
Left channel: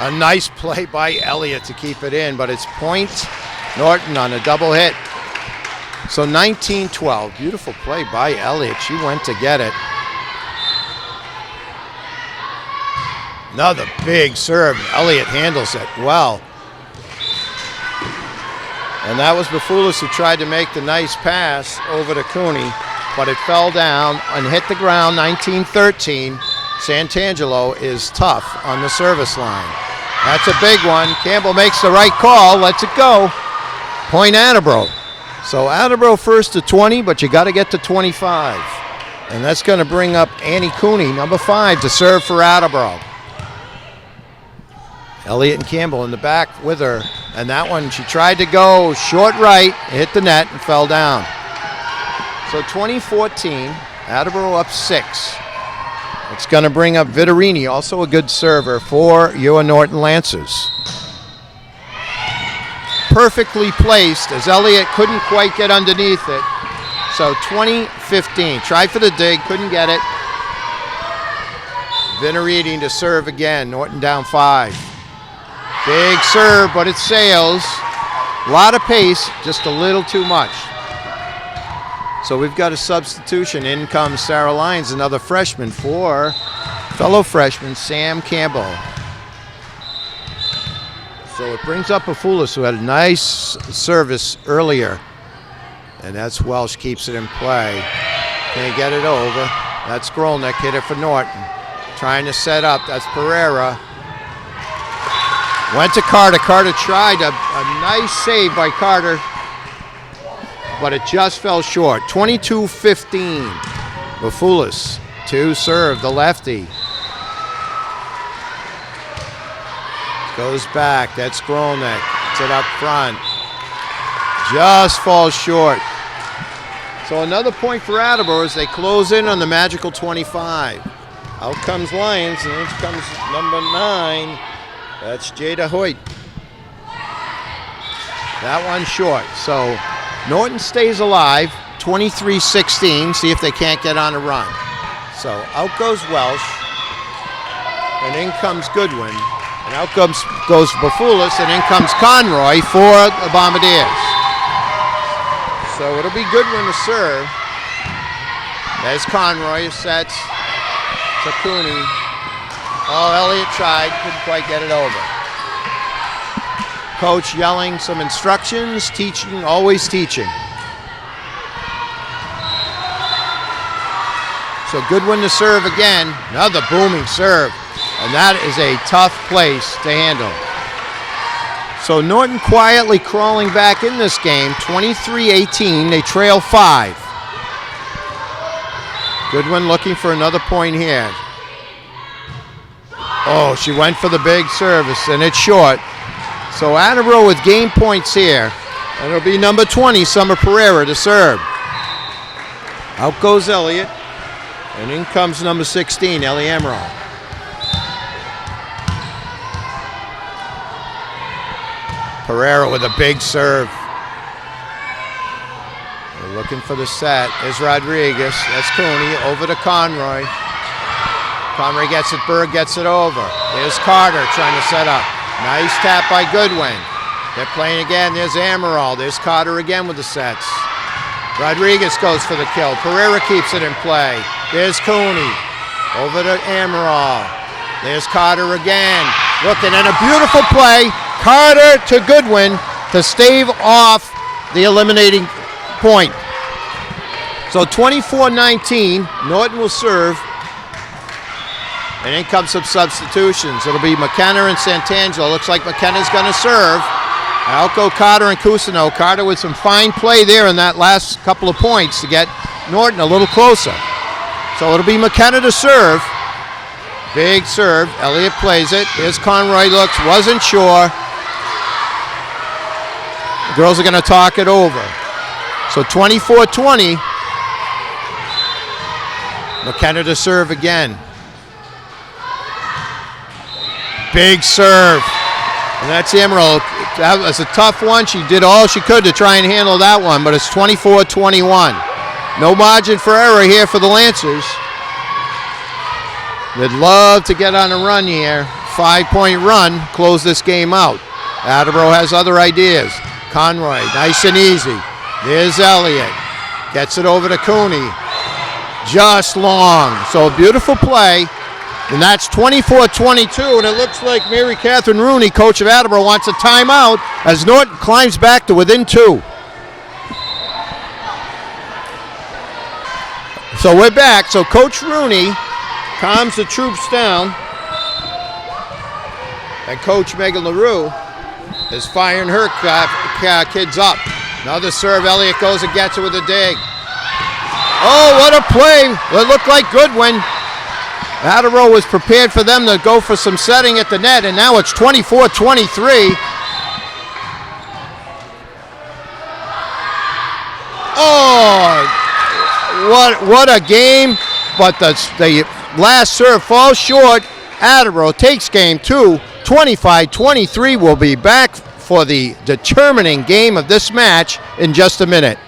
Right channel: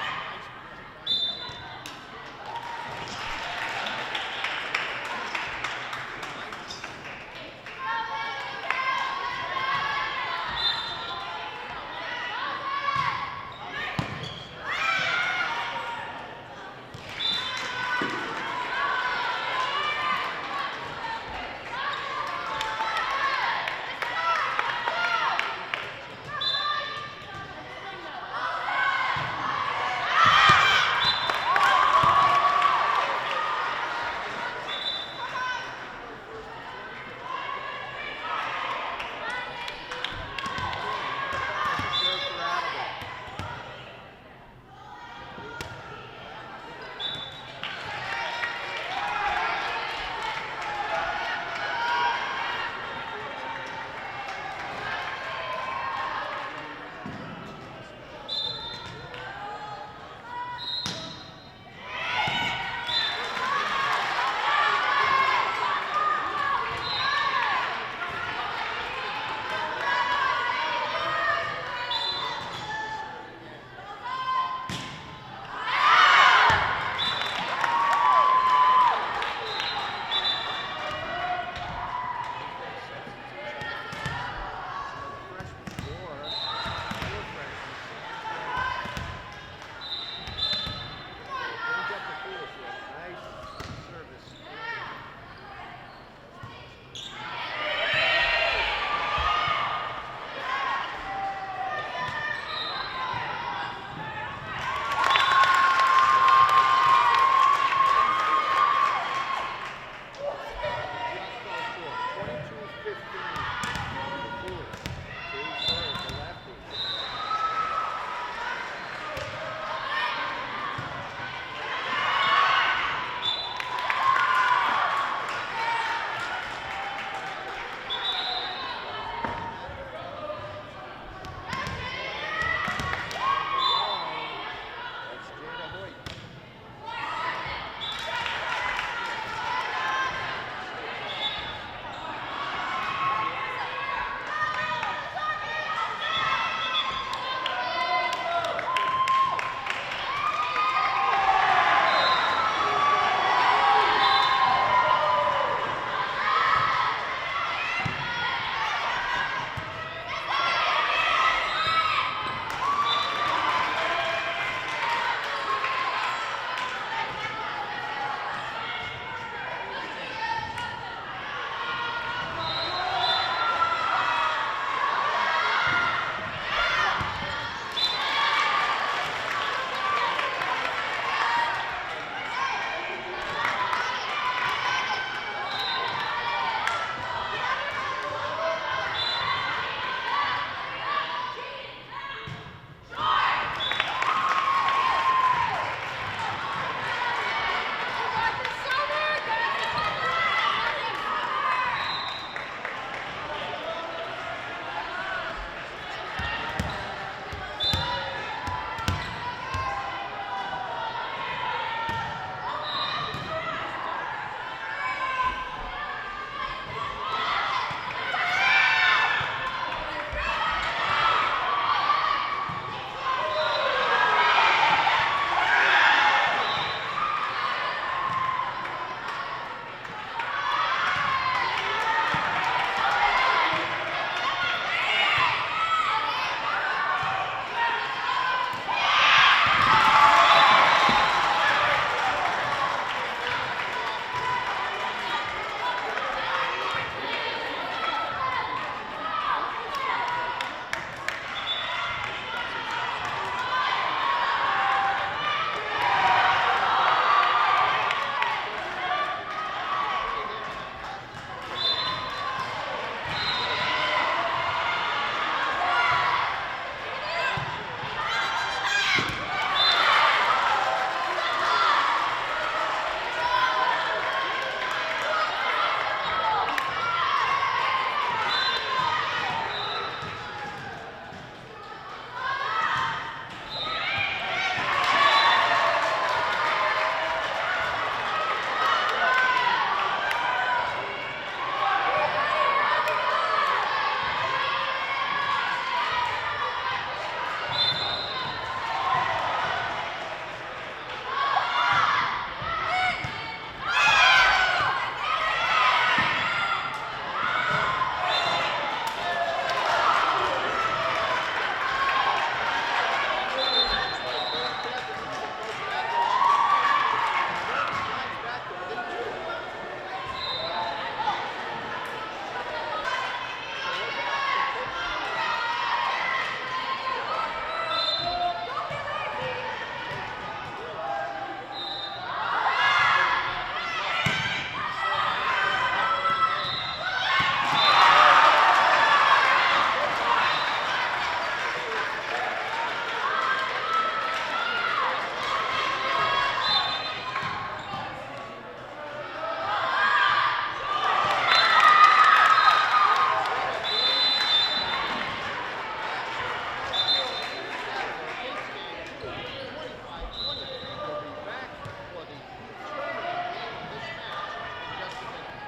A nice play by Elliott to keep it in, but it's point Norton on a double hit. So 19-12. Beautiful play by Elliott. She went to get it. Another big serve. Elliott handles it well. And that was Bafoulis who tried to make the nice pass over to Cooney, but it fell down and hit the ground. 19-13. Santangelo is tough on the service line. That's a big one. Campbell makes the right call, lets it go. Point Attleboro. So Attleboro first to 20, but you got to get to 25. And that's going to bring up Annie Cooney, number 5, to serve for Attleboro. Elliott and Campbell in the back with her. And that one, she tried to go short right, hit the net, and fell down. So 2014, Attleboro up 6. It's going to bring up Vittorini, also a good server for your Norton Lancers. Perfectly placed as Elliott couldn't quite get underneath it. So 2015, tried for the dig, couldn't get it. Venerating to serve again. Norton down 5. Big serve, but it sails. A lot of pace, just a little too much. So we've got a substitution. In comes Sarah Lyons, another freshman for fellow freshman Sam Campbell. So it brings up Afulis, who had a nice service earlier. And that's Welsh, keeps it in play. Can't get it over. That's Grolnick, hit it for Norton. Trying to set up, that's Pereira. Went to Carter. Carter tried a nice save by Carter, but it just fell short. 22-15. Afulis to serve, the lefty. Goes back, that's Grolnick. It's it up front. Just falls short. So another point for Attleboro as they close in on the magical 25. Out comes Lyons, and in comes number 9. That's Jada Hoyt. That one short. So Norton stays alive, 23-16. See if they can't get on a run. So out goes Welsh, and in comes Goodwin. And out goes Bafulis, and in comes Conroy for the Bombardiers. So it'll be Goodwin to serve. There's Conroy, sets to Cooney. Oh, Elliott tried, couldn't quite get it over. Coach yelling some instructions, teaching, always teaching. So Goodwin to serve again, another booming serve. And that is a tough place to handle. So Norton quietly crawling back in this game, 23-18. They trail 5. Goodwin looking for another point here. Oh, she went for the big service, and it's short. So Attleboro with game points here. And it'll be number 20, Summer Pereira, to serve. Out goes Elliott. And in comes number 16, Ellie Emerald. Pereira with a big serve. They're looking for the set. There's Rodriguez. That's Cooney. Over to Conroy. Conroy gets it. Berg gets it over. There's Carter trying to set up. Nice tap by Goodwin. They're playing again. There's Amaral. There's Carter again with the sets. Rodriguez goes for the kill. Pereira keeps it in play. There's Cooney. Over to Amaral. There's Carter again. Looking at a beautiful play. Carter to Goodwin to stave off the eliminating point. So 24-19, Norton will serve. And in comes some substitutions. It'll be McKenna and Santangelo. Looks like McKenna's going to serve. Out go Carter and Cousineau. Carter with some fine play there in that last couple of points to get Norton a little closer. So it'll be McKenna to serve. Big serve. Elliott plays it. Here's Conroy, looks, wasn't sure. The girls are going to talk it over. So 24-20. McKenna to serve again. Big serve. And that's Emerald. That was a tough one. She did all she could to try and handle that one, but it's 24-21. No margin for error here for the Lancers. They'd love to get on a run here. 5-point run, close this game out. Attleboro has other ideas. Conroy, nice and easy. There's Elliott. Gets it over to Cooney. Just long. So a beautiful play. And that's 24-22, and it looks like Mary Catherine Rooney, coach of Attleboro, wants a timeout as Norton climbs back to within 2. So we're back. So Coach Rooney calms the troops down. And Coach Megan LaRue is firing her kids up. Another serve. Elliott goes and gets it with a dig. Oh, what a play. It looked like Goodwin. Attleboro was prepared for them to go for some setting at the net, and now it's 24-23. Oh, what a game, but the last serve falls short. Attleboro takes game 2, 25-23. We'll be back for the determining game of this match in just a minute.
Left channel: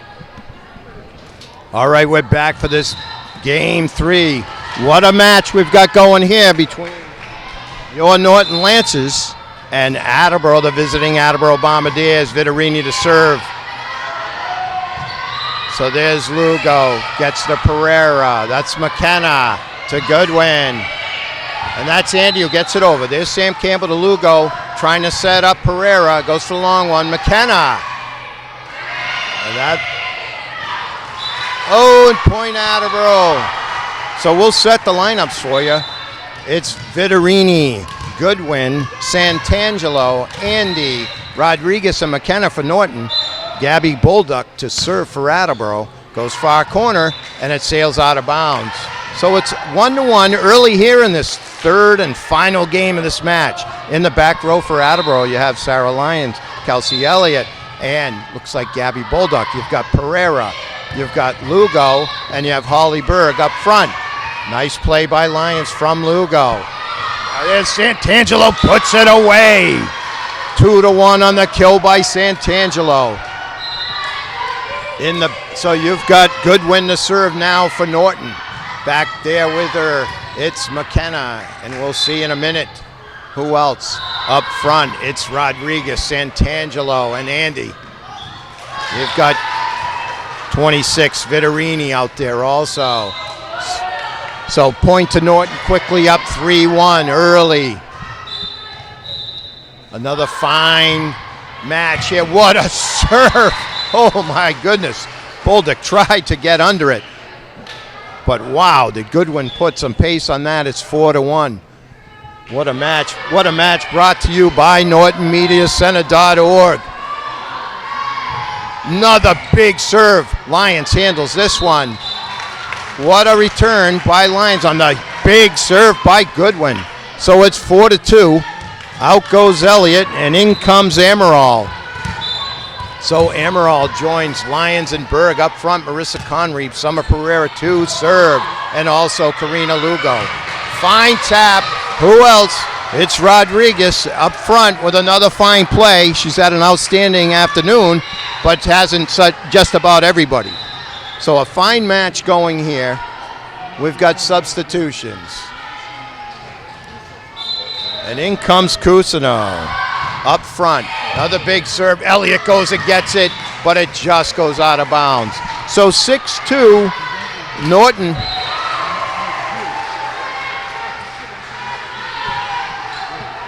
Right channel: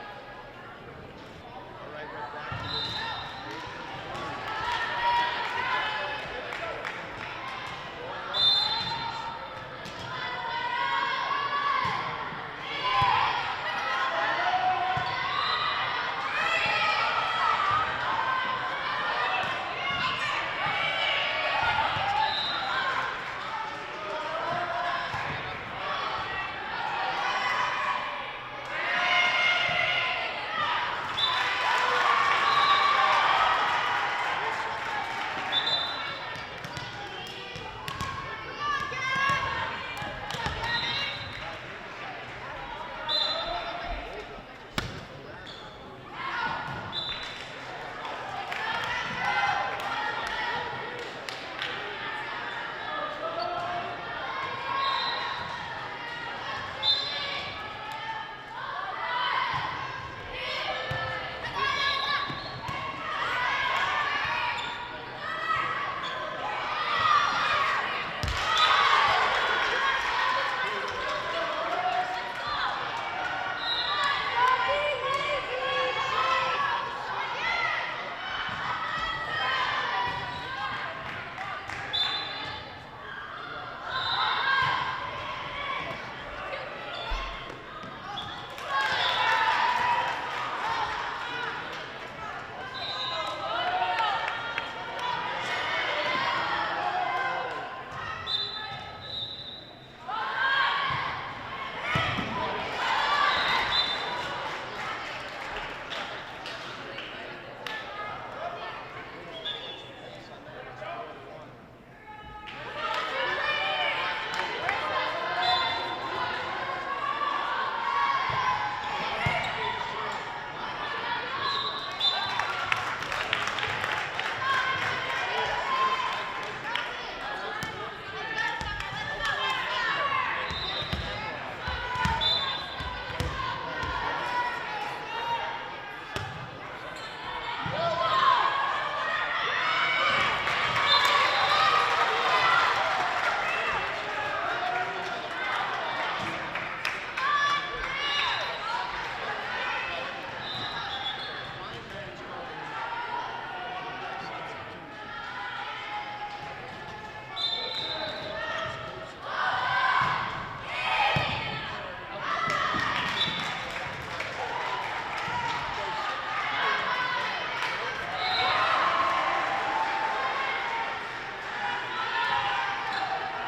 All right, we're back for this game 3. What a match we've got going here between your Norton Lancers and Attleboro, the visiting Attleboro Bombardiers. Vittorini to serve. So there's Lugo, gets to Pereira. That's McKenna to Goodwin. And that's Andy who gets it over. There's Sam Campbell to Lugo, trying to set up Pereira. Goes for the long one. McKenna. And that. Oh, and point Attleboro. So we'll set the lineups for you. It's Vittorini, Goodwin, Santangelo, Andy, Rodriguez, and McKenna for Norton. Gabby Bolduc to serve for Attleboro. Goes far corner, and it sails out of bounds. So it's 1-1 early here in this third and final game of this match. In the back row for Attleboro, you have Sarah Lyons, Kelsey Elliott, and looks like Gabby Bolduc. You've got Pereira, you've got Lugo, and you have Holly Berg up front. Nice play by Lyons from Lugo. There's Santangelo, puts it away. 2-1 on the kill by Santangelo. So you've got Goodwin to serve now for Norton. Back there with her, it's McKenna, and we'll see in a minute who else up front. It's Rodriguez, Santangelo, and Andy. You've got 26, Vittorini out there also. So point to Norton quickly up 3-1 early. Another fine match here. What a serve. Oh my goodness. Bolduc tried to get under it. But wow, did Goodwin put some pace on that. It's 4-1. What a match. What a match brought to you by NortonMediaCenter.org. Another big serve. Lyons handles this one. What a return by Lyons on the big serve by Goodwin. So it's 4-2. Out goes Elliott, and in comes Amaral. So Amaral joins Lyons and Berg up front. Marissa Conreeve, Summer Pereira to serve, and also Karina Lugo. Fine tap. Who else? It's Rodriguez up front with another fine play. She's had an outstanding afternoon, but hasn't just about everybody. So a fine match going here. We've got substitutions. And in comes Cousineau up front. Another big serve. Elliott goes and gets it, but it just goes out of bounds. So 6-2, Norton.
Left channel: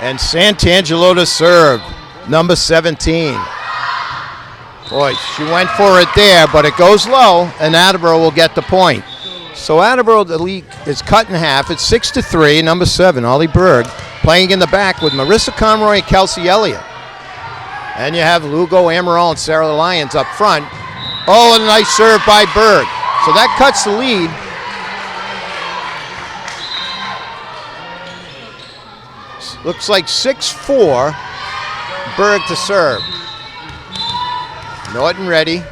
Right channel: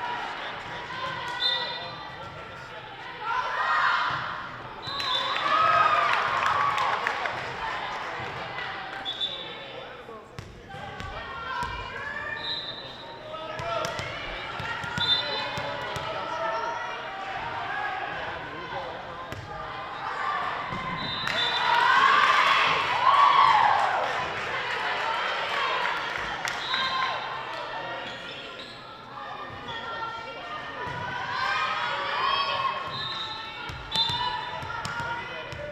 And Santangelo to serve, number 17. Boy, she went for it there, but it goes low, and Attleboro will get the point. So Attleboro, the lead is cut in half. It's 6-3, number 7, Ollie Berg, playing in the back with Marissa Conroy and Kelsey Elliott. And you have Lugo, Amaral, and Sarah Lyons up front. Oh, and a nice serve by Berg. So that cuts the lead. Looks like 6-4, Berg to serve. Norton ready.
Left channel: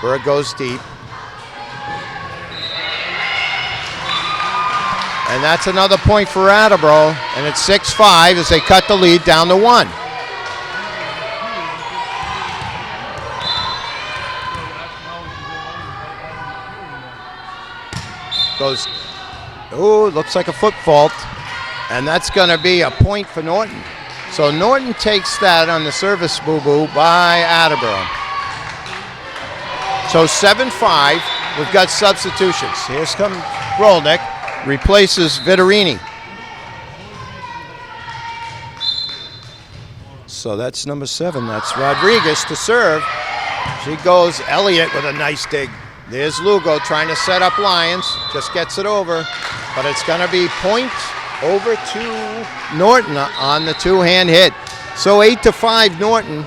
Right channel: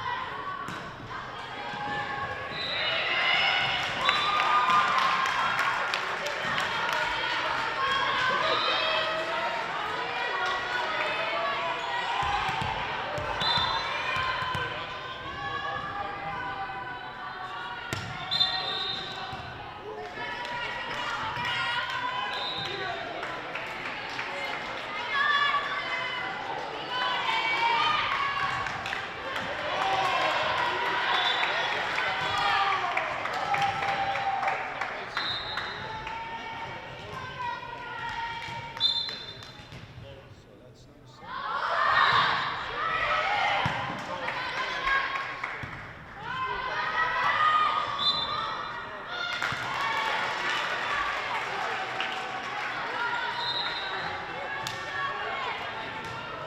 Berg goes deep. And that's another point for Attleboro. And it's 6-5 as they cut the lead down to 1. Goes, oh, looks like a foot fault. And that's going to be a point for Norton. So Norton takes that on the service boo-boo by Attleboro. So 7-5, we've got substitutions. Here's come Rolnick, replaces Vittorini. So that's number 7, that's Rodriguez to serve. She goes Elliott with a nice dig. There's Lugo trying to set up Lyons, just gets it over, but it's gonna be point over to Norton on the two-hand hit. So 8-5 Norton.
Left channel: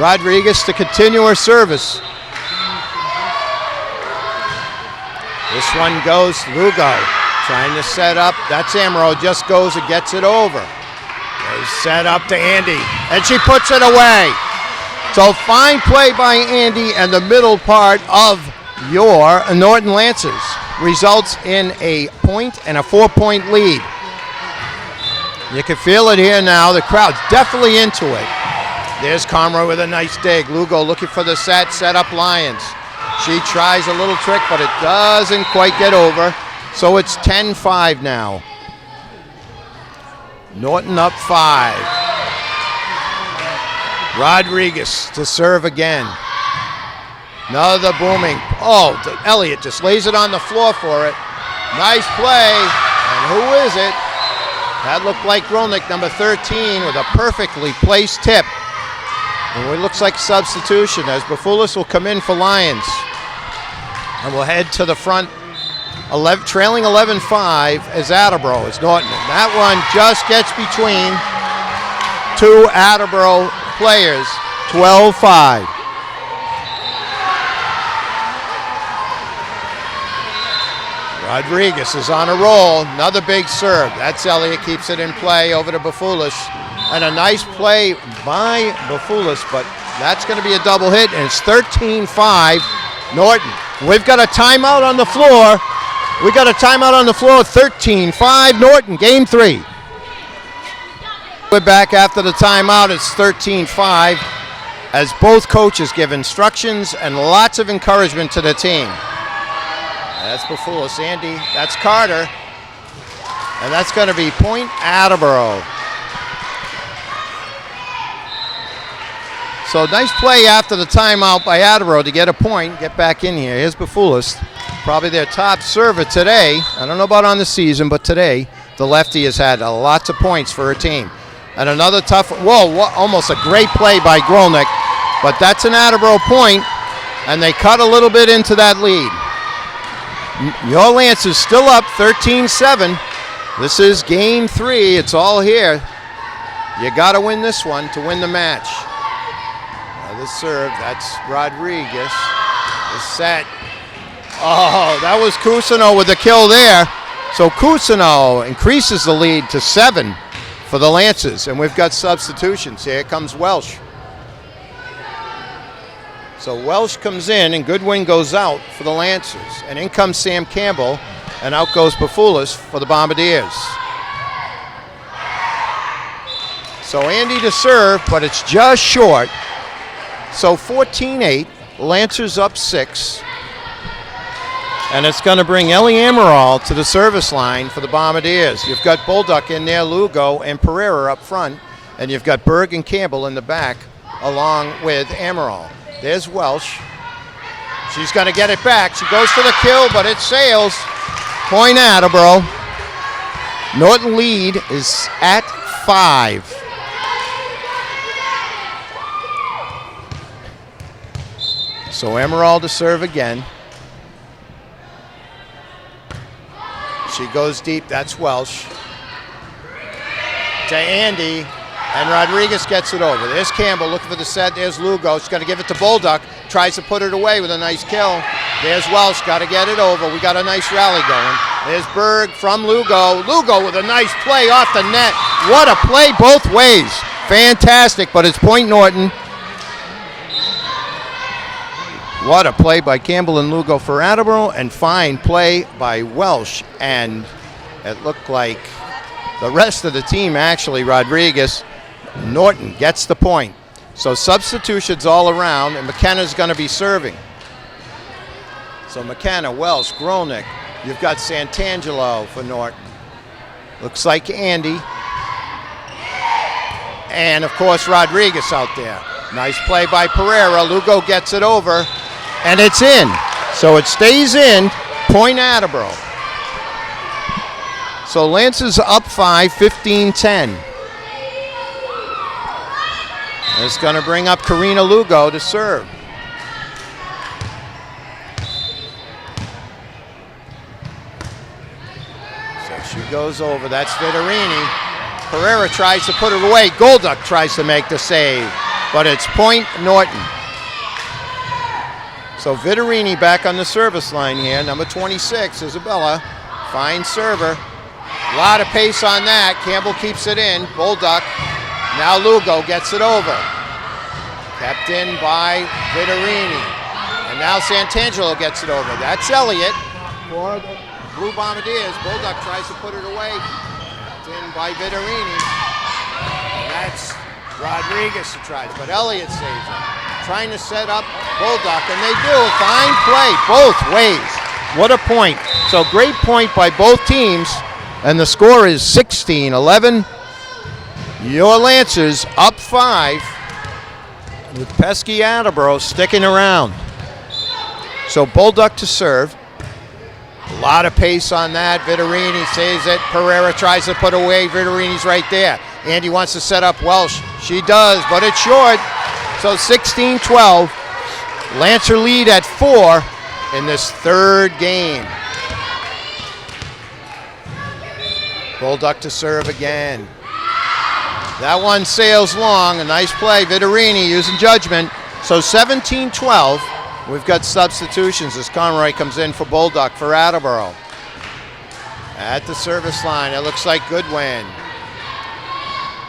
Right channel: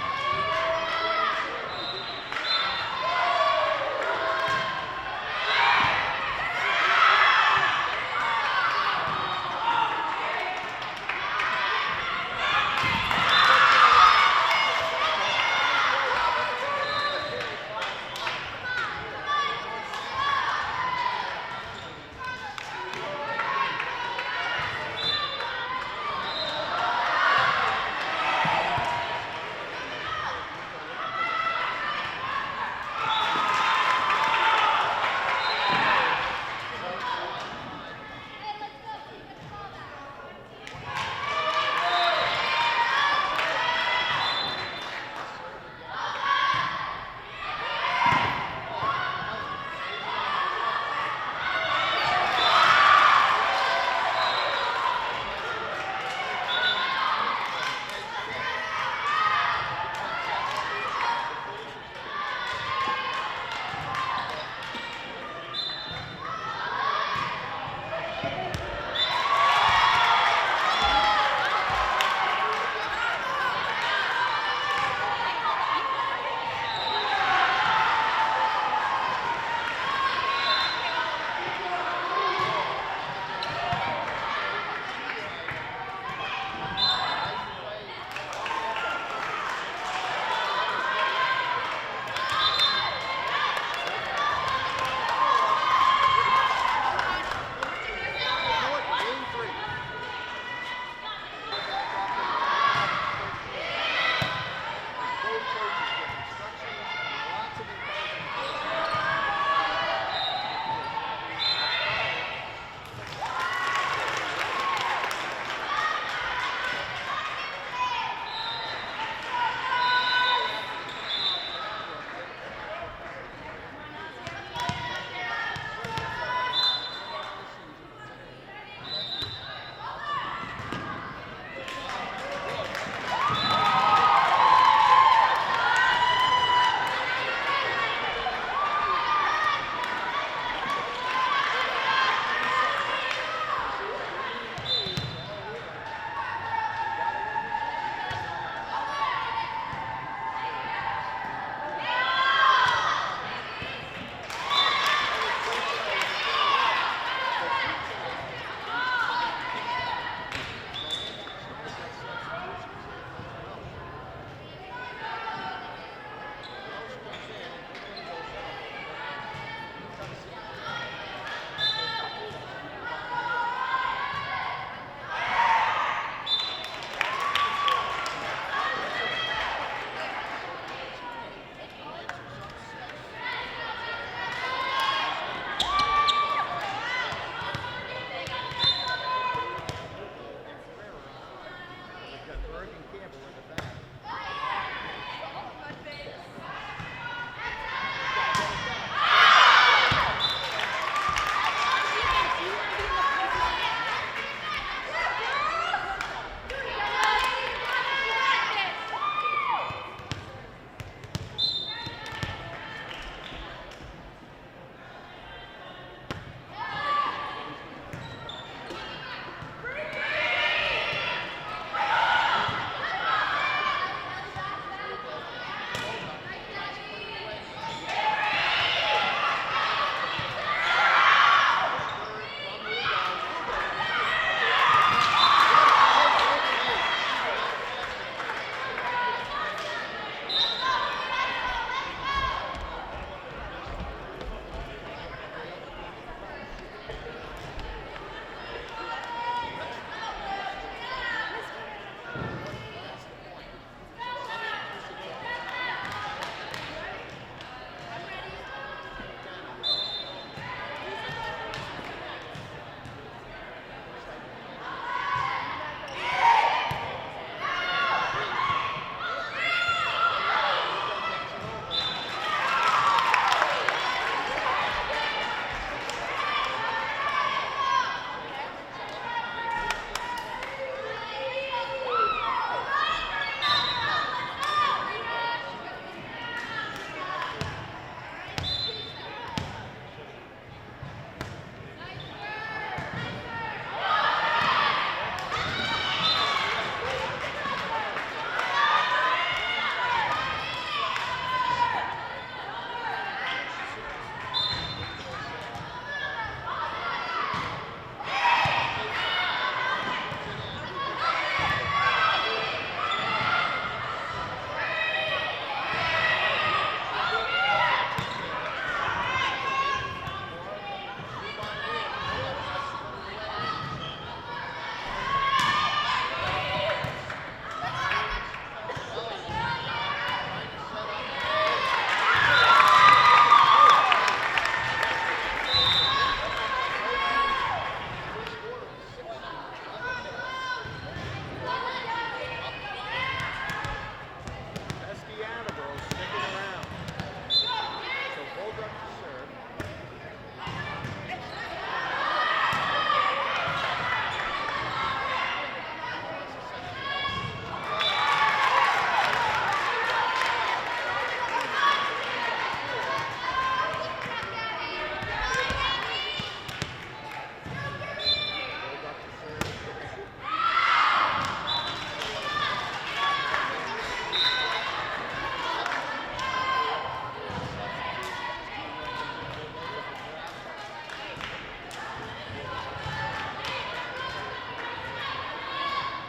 Rodriguez to continue her service. This one goes Lugo, trying to set up. That's Amaral, just goes and gets it over. Goes set up to Andy, and she puts it away. So fine play by Andy, and the middle part of your Norton Lancers results in a point and a 4-point lead. You can feel it here now. The crowd's definitely into it. There's Conroy with a nice dig. Lugo looking for the set up Lyons. She tries a little trick, but it doesn't quite get over. So it's 10-5 now. Norton up 5. Rodriguez to serve again. Another booming. Oh, Elliott just lays it on the floor for it. Nice play. And who is it? That looked like Grolnick, number 13, with a perfectly placed tip. And it looks like substitution as Bafoulis will come in for Lions. And we'll head to the front, trailing 11-5 as Attleboro is Norton. And that one just gets between two Attleboro players, 12-5. Rodriguez is on a roll. Another big serve. That's Elliott, keeps it in play over to Bafoulis. And a nice play by Bafoulis, but that's going to be a double hit, and it's 13-5 Norton. We've got a timeout on the floor. 13-5 Norton, game 3. We're back after the timeout. It's 13-5 as both coaches give instructions and lots of encouragement to the team. That's Bafoulis, Andy. That's Carter. And that's going to be point Attleboro. So nice play after the timeout by Attleboro to get a point, get back in here. Here's Bafoulis, probably their top server today. I don't know about on the season, but today the lefty has had lots of points for her team. And another tough, almost a great play by Grolnick, but that's an Attleboro point, and they cut a little bit into that lead. Your Lance is still up 13-7. This is game 3. It's all here. You got to win this one to win the match. Now the serve, that's Rodriguez. The set. Oh, that was Cousineau with the kill there. So Cousineau increases the lead to 7 for the Lancers. And we've got substitutions. Here comes Welsh. So Welsh comes in and Goodwin goes out for the Lancers. And in comes Sam Campbell and out goes Bafoulis for the Bombardiers. So Andy to serve, but it's just short. So 14-8, Lancers up 6. And it's going to bring Ellie Amaral to the service line for the Bombardiers. You've got Bolduc in there, Lugo, and Pereira up front. And you've got Berg and Campbell in the back along with Amaral. There's Welsh. She's going to get it back. She goes for the kill, but it sails. Point Attleboro. Norton lead is at 5. So Amaral to serve again. She goes deep. That's Welsh. To Andy. And Rodriguez gets it over. There's Campbell looking for the set. There's Lugo. She's going to give it to Bolduc. Tries to put it away with a nice kill. There's Welsh. Got to get it over. We got a nice rally going. There's Berg from Lugo. Lugo with a nice play off the net. What a play both ways. Fantastic, but it's point Norton. What a play by Campbell and Lugo for Attleboro, and fine play by Welsh. And it looked like the rest of the team, actually, Rodriguez, Norton gets the point. So substitutions all around, and McKenna's going to be serving. So McKenna, Welsh, Grolnick. You've got Santangelo for Norton. Looks like Andy. And, of course, Rodriguez out there. Nice play by Pereira. Lugo gets it over, and it's in. So it stays in. Point Attleboro. So Lancers up 5, 15-10. It's going to bring up Karina Lugo to serve. So she goes over. That's Vittorini. Pereira tries to put it away. Golduck tries to make the save, but it's point Norton. So Vittorini back on the service line here. Number 26, Isabella. Fine server. A lot of pace on that. Campbell keeps it in. Bolduc. Now Lugo gets it over. Kept in by Vittorini. And now Santangelo gets it over. That's Elliott for the Blue Bombardiers. Bolduc tries to put it away. Kept in by Vittorini. And that's Rodriguez who tries, but Elliott saves it. trying to set up Bulldog, and they do. Fine play both ways. What a point. So great point by both teams, and the score is 16-11. Your Lancers up 5 with pesky Attleboro sticking around. So Bulldog to serve. A lot of pace on that. Vittorini saves it. Pereira tries to put away. Vittorini's right there. Andy wants to set up Welsh. She does, but it's short. So 16-12. Lancer lead at 4 in this third game. Bulldog to serve again. That one sails long. A nice play. Vittorini using judgment. So 17-12. We've got substitutions as Conroy comes in for Bulldog for Attleboro. At the service line, it looks like Goodwin.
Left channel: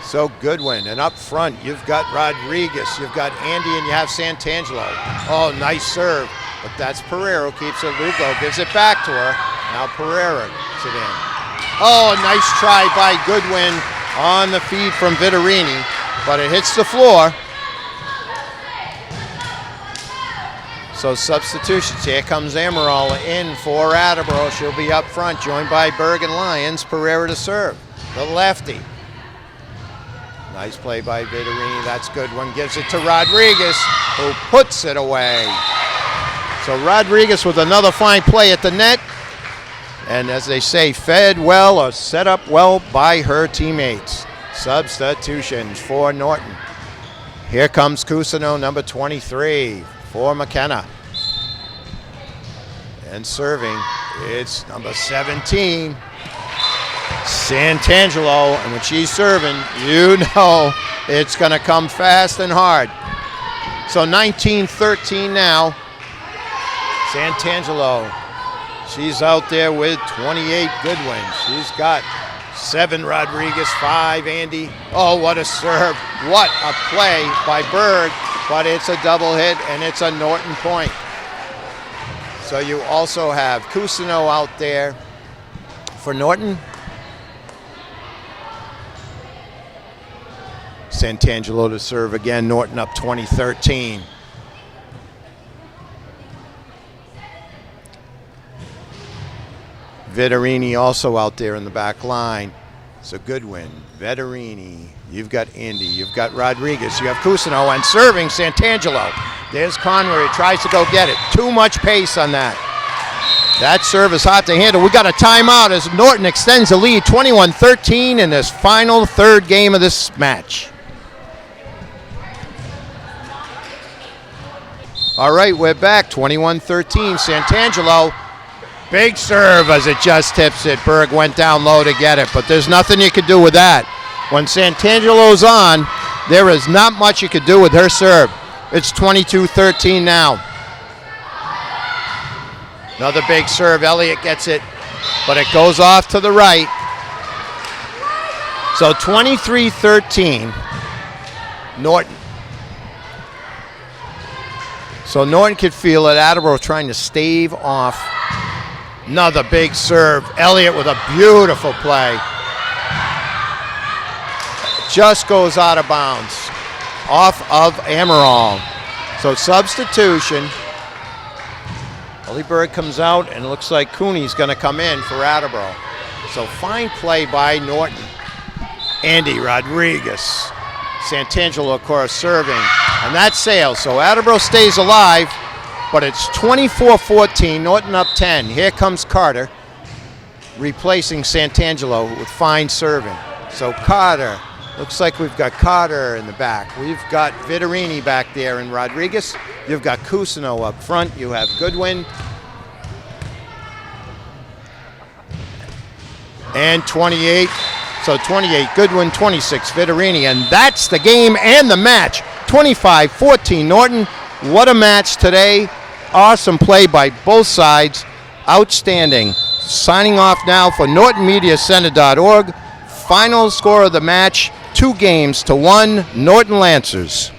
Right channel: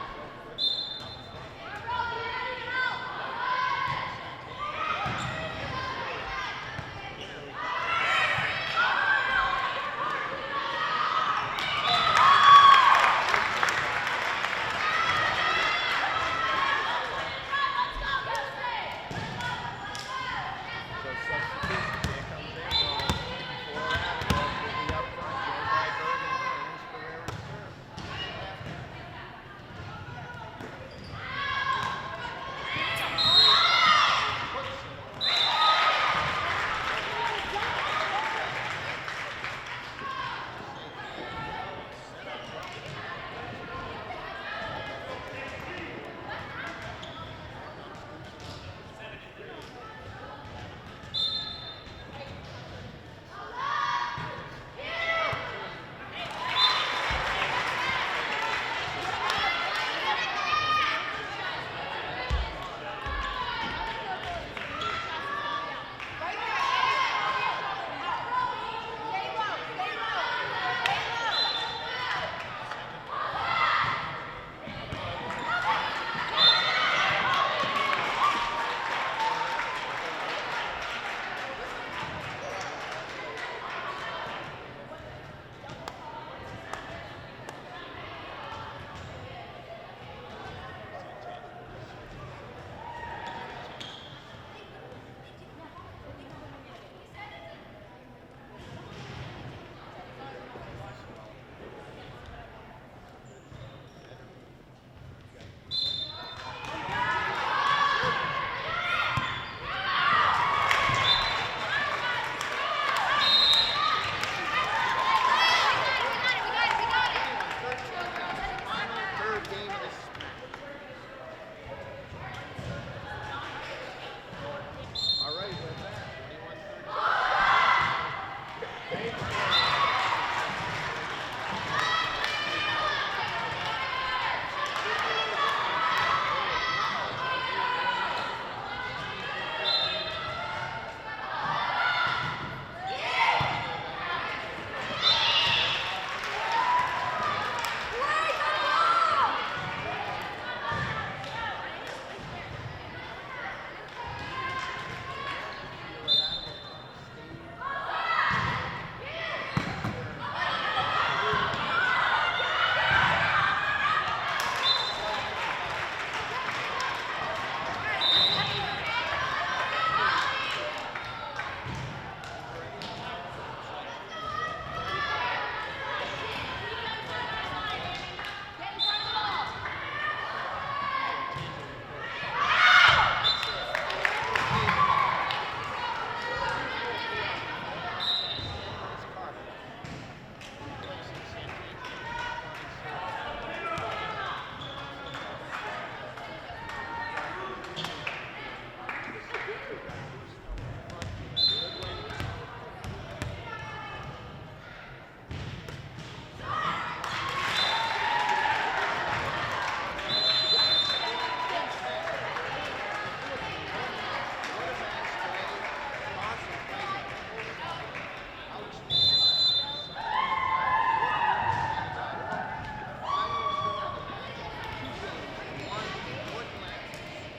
So Goodwin, and up front, you've got Rodriguez, you've got Andy, and you have Santangelo. Oh, nice serve, but that's Pereira who keeps it. Lugo gives it back to her. Now Pereira gets it in. Oh, a nice try by Goodwin on the feed from Vittorini, but it hits the floor. So substitutions. Here comes Amaral in for Attleboro. She'll be up front, joined by Berg and Lyons. Pereira to serve. The lefty. Nice play by Vittorini. That's good one. Gives it to Rodriguez, who puts it away. So Rodriguez with another fine play at the net. And as they say, fed well or set up well by her teammates. Substitutions for Norton. Here comes Cusino, number 23. For McKenna. And serving, it's number 17, Santangelo. And when she's serving, you know it's going to come fast and hard. So 19-13 now. Santangelo, she's out there with 28 Goodwin. She's got 7 Rodriguez, 5 Andy. Oh, what a serve. What a play by Berg. But it's a double hit, and it's a Norton point. So you also have Cusino out there for Norton. Santangelo to serve again. Norton up 20-13. Vittorini also out there in the back line. So Goodwin, Vittorini. You've got Andy, you've got Rodriguez, you have Cusino, and serving Santangelo. There's Conroy, tries to go get it. Too much pace on that. That serve is hard to handle. We got a timeout as Norton extends the lead, 21-13 in this final third game of this match. All right, we're back, 21-13. Santangelo, big serve as it just tips it. Berg went down low to get it, but there's nothing you can do with that. When Santangelo's on, there is not much you could do with her serve. It's 22-13 now. Another big serve. Elliott gets it, but it goes off to the right. So 23-13, Norton. So Norton could feel it. Attleboro trying to stave off. Another big serve. Elliott with a beautiful play. Just goes out of bounds off of Amaral. So substitution. Berg comes out, and it looks like Cooney's going to come in for Attleboro. So fine play by Norton. Andy Rodriguez. Santangelo, of course, serving. And that sails. So Attleboro stays alive, but it's 24-14. Norton up 10. Here comes Carter, replacing Santangelo with fine serving. So Carter. Looks like we've got Carter in the back. We've got Vittorini back there and Rodriguez. You've got Cusino up front. You have Goodwin. And 28. So 28 Goodwin, 26 Vittorini. And that's the game and the match. 25-14 Norton. What a match today. Awesome play by both sides. Outstanding. Signing off now for NortonMediaCenter.org. Final score of the match, 2-1 Norton Lancers.